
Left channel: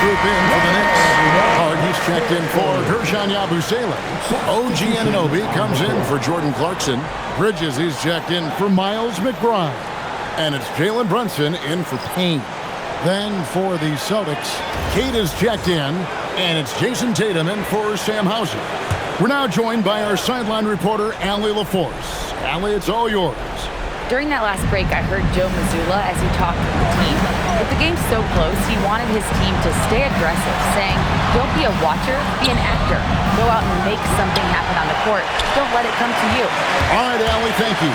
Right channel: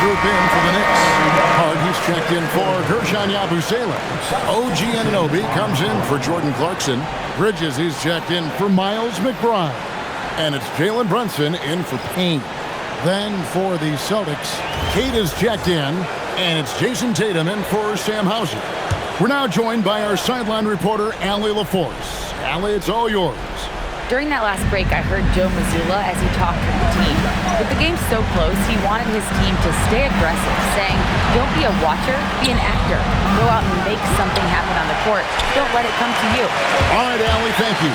Group in for the Knicks. Hard, he's checked in for Gershon Yabusele. OG Anunoby comes in for Jordan Clarkson. Bridges, he's checked in for Miles McBride. And it's Jalen Brunson in for Payne. Then for the Celtics, Kate is checked in, and it's Jason Tatum in for Sam Hauser. We're now joined by our sideline reporter, Allie LaForce. Allie, it's all yours. During that last break, I heard Joe Mazzulla as he talked with the team. With the game so close, he wanted his team to stay aggressive, saying, don't be a watcher, be an actor. Go out and make something happen on the court. Don't let it come to you. All right, Allie, thank you.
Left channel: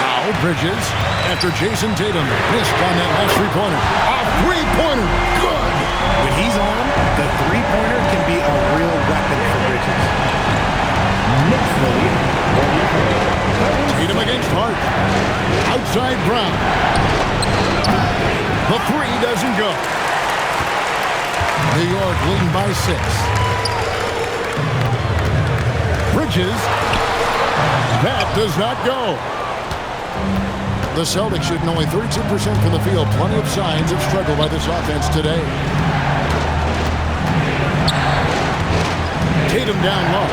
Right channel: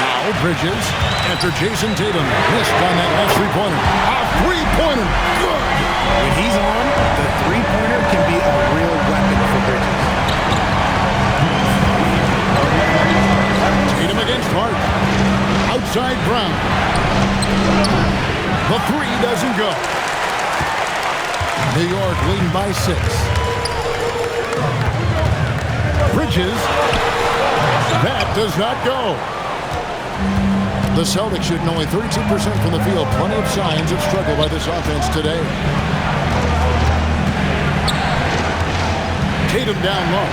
Now, Bridges, after Jason Tatum missed on that last three-pointer. A three-pointer, good! When he's on, the three-pointer can be a real weapon for Bridges. Tatum against Hart. Outside Brown. The three doesn't go. New York leading by 6. Bridges. That does not go. The Celtics shooting only 32% from the field. Plenty of signs of struggle by this offense today. Tatum down low.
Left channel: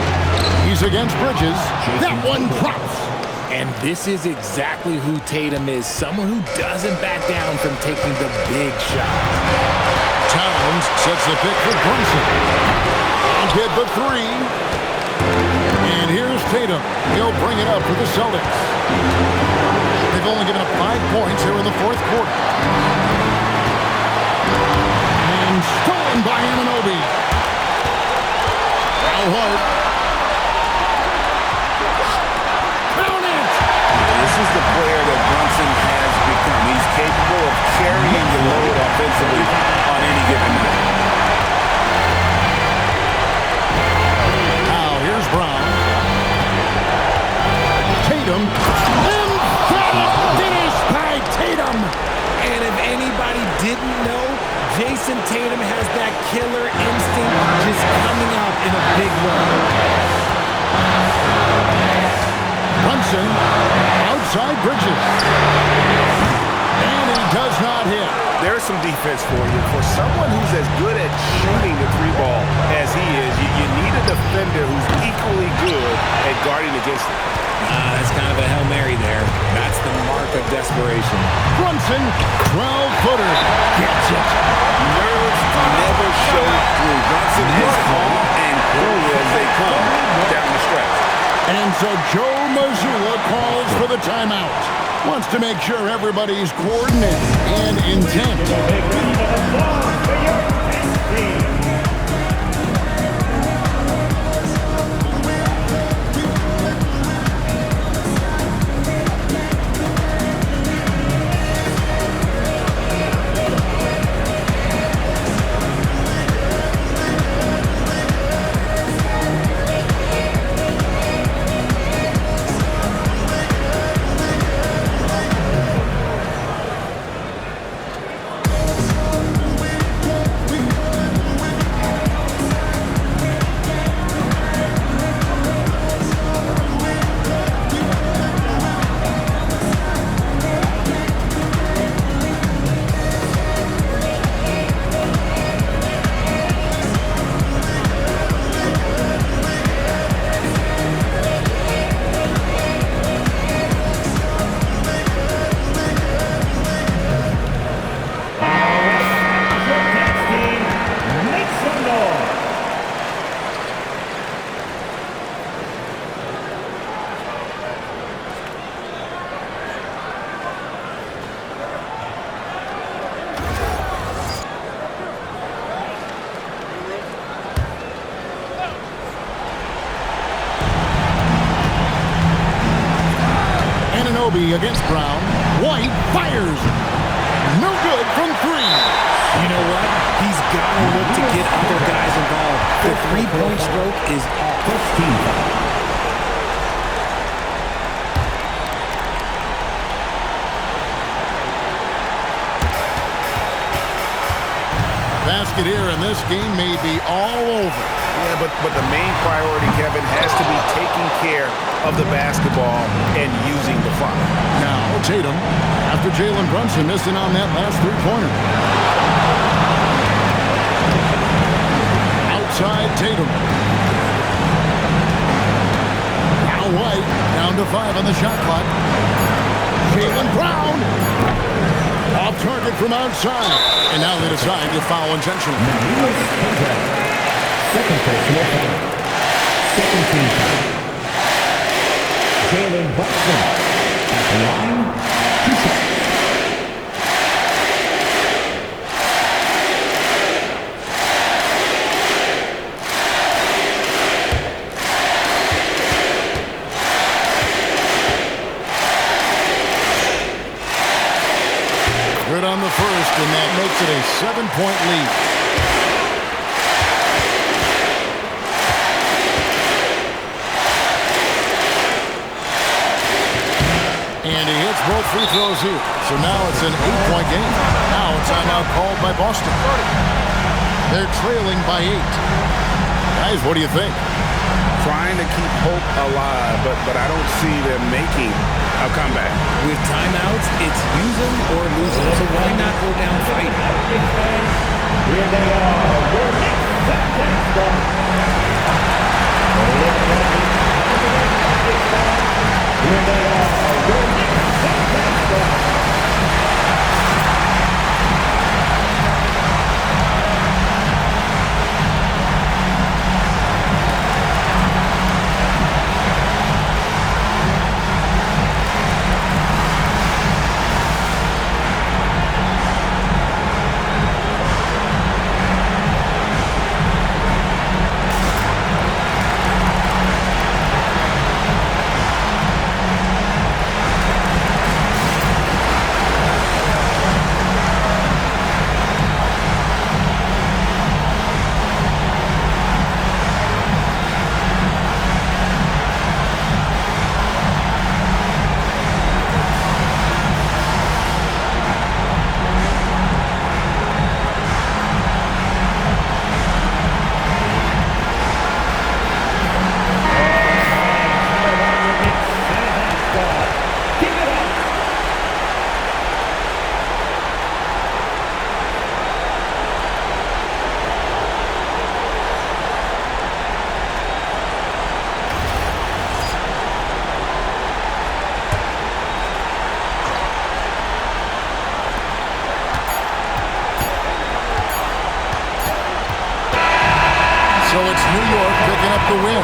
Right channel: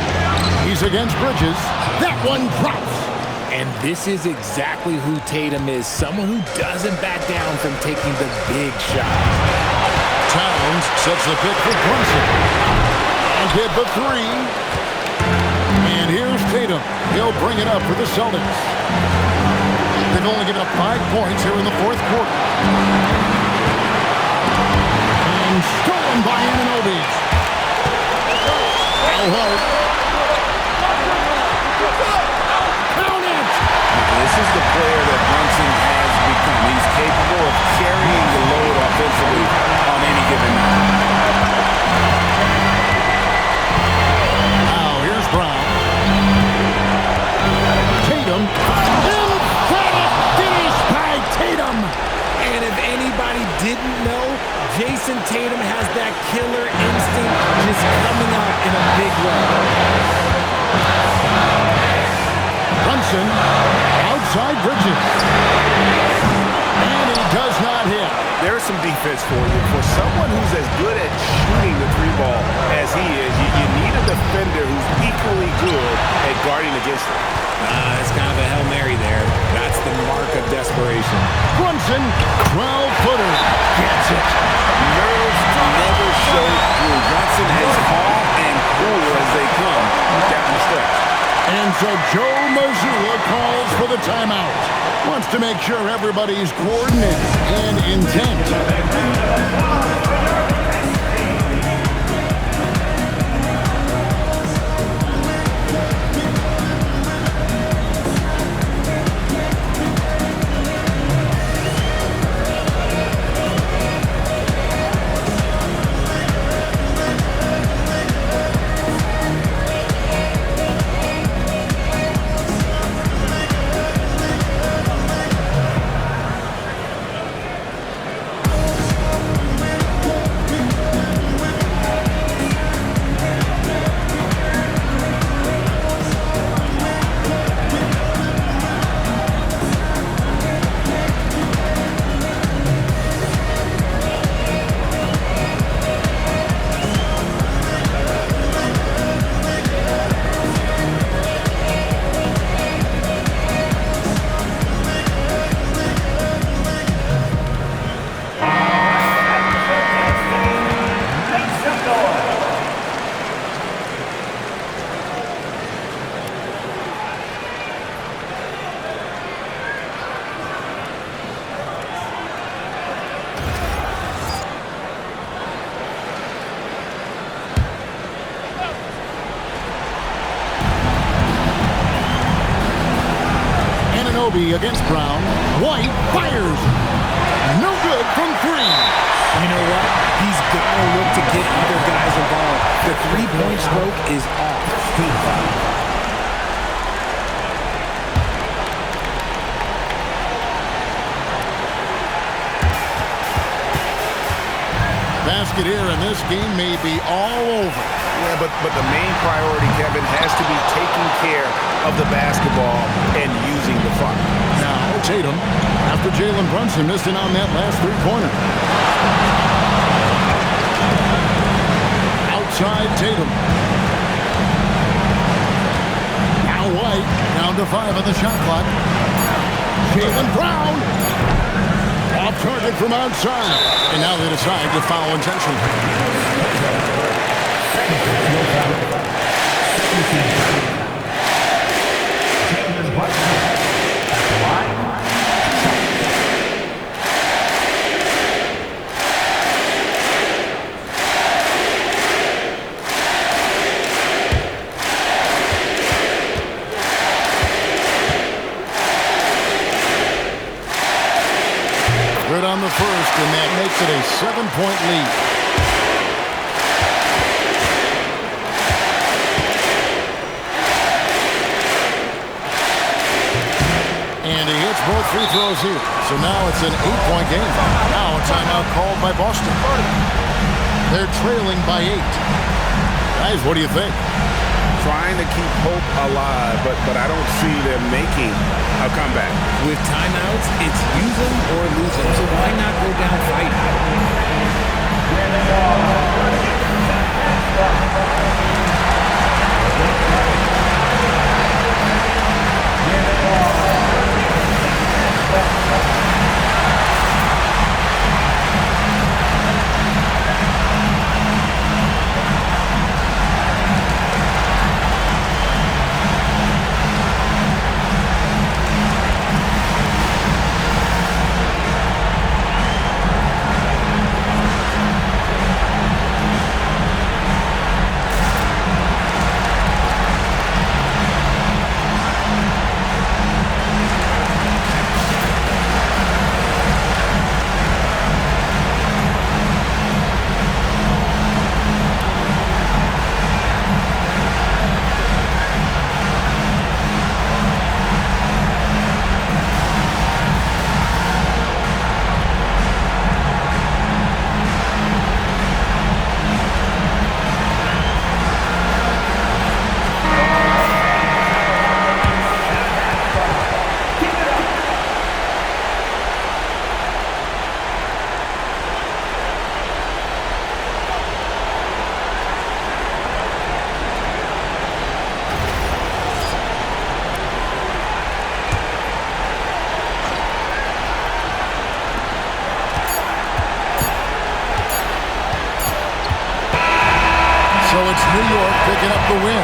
He's against Bridges. That one drops. And this is exactly who Tatum is. Someone who doesn't back down from taking the big shots. Towns sets the pick for Brunson. And get the three. And here's Tatum. He'll bring it up for the Celtics. They've only given up 5 points here in the fourth quarter. And stolen by Anunoby. Now Hart. This is the player that Brunson has become. He's capable of carrying the load offensively on any given night. Now here's Brown. Tatum. Emphatic finish by Tatum. And if anybody didn't know, Jason Tatum has that killer instinct just coming out in a big way. Brunson outside Bridges. And he does not hit. There's some defense for you. For someone who's as good at shooting the three ball as he is, you need a defender who's equally good at guarding against it. That's kind of a Hail Mary there. That's the mark of desperation. Brunson, 12-footer, gets it. Nerves never show through. Brunson as calm and cool as they come down the stretch. And so Joe Mazzulla calls for the timeout. Wants to make sure everybody's coordinated and intent. Anunoby against Brown. White fires. No good from three. You know what? He's got to look to get other guys involved. The three-point stroke is off. Basket here, and this game may be all over. Yeah, but the main priority, Kevin, has to be taking care of the basketball and using the clock. Now Tatum, after Jalen Brunson missing on that last three-pointer. Outside Tatum. Now White, down to 5 on the shot clock. Jalen Brown. Off target from outside. And now they decide to foul intentionally. Jalen Brunson at the line. Good on the first, and that makes it a 7-point lead. And he hits both free throws here. So now it's an 8-point game. Now a timeout called by Boston. They're trailing by 8. Guys, what do you think? Trying to keep hope alive, but I don't see them making a comeback. With timeouts, it's use them or lose them. So why not go down fighting? Here they are. Here they are. So it's New York picking up the win.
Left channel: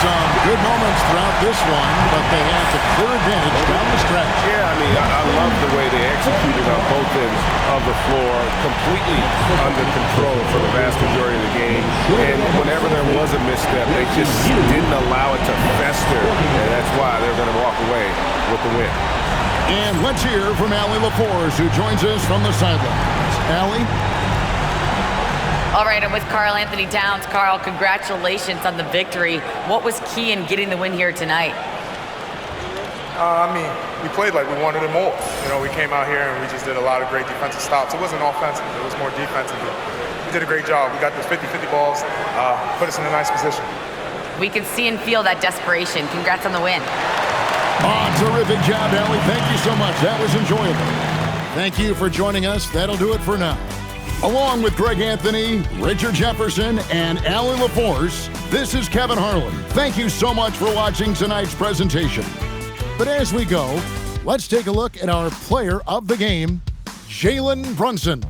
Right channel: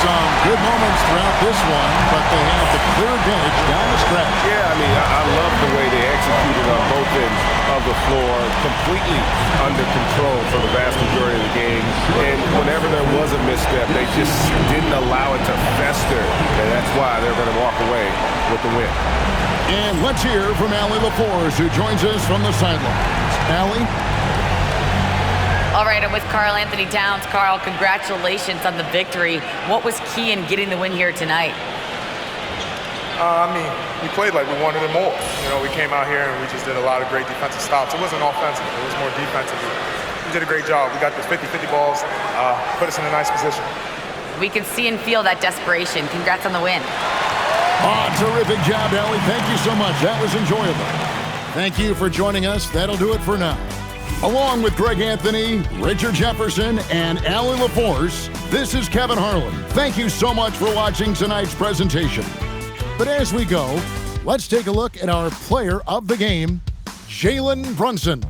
Some good moments throughout this one, but they have the clear advantage down the stretch. Yeah, I mean, I love the way they executed on both ends of the floor, completely under control for the vast majority of the game. And whenever there was a misstep, they just didn't allow it to fester, and that's why they're going to walk away with the win. And let's hear from Allie LaForce, who joins us from the sidelines. Allie? All right, I'm with Karl Anthony Towns. Karl, congratulations on the victory. What was key in getting the win here tonight? We played like we wanted it more. We came out here and we just did a lot of great defensive stops. It wasn't offensive. It was more defensively. We did a great job. We got those 50-50 balls, put us in a nice position. We can see and feel that desperation. Congrats on the win. Terrific job, Allie. Thank you so much. That was enjoyable. Thank you for joining us. That'll do it for now. Along with Greg Anthony, Richard Jefferson, and Allie LaForce, this is Kevin Harlan. Thank you so much for watching tonight's presentation. But as we go, let's take a look at our player of the game, Jalen Brunson.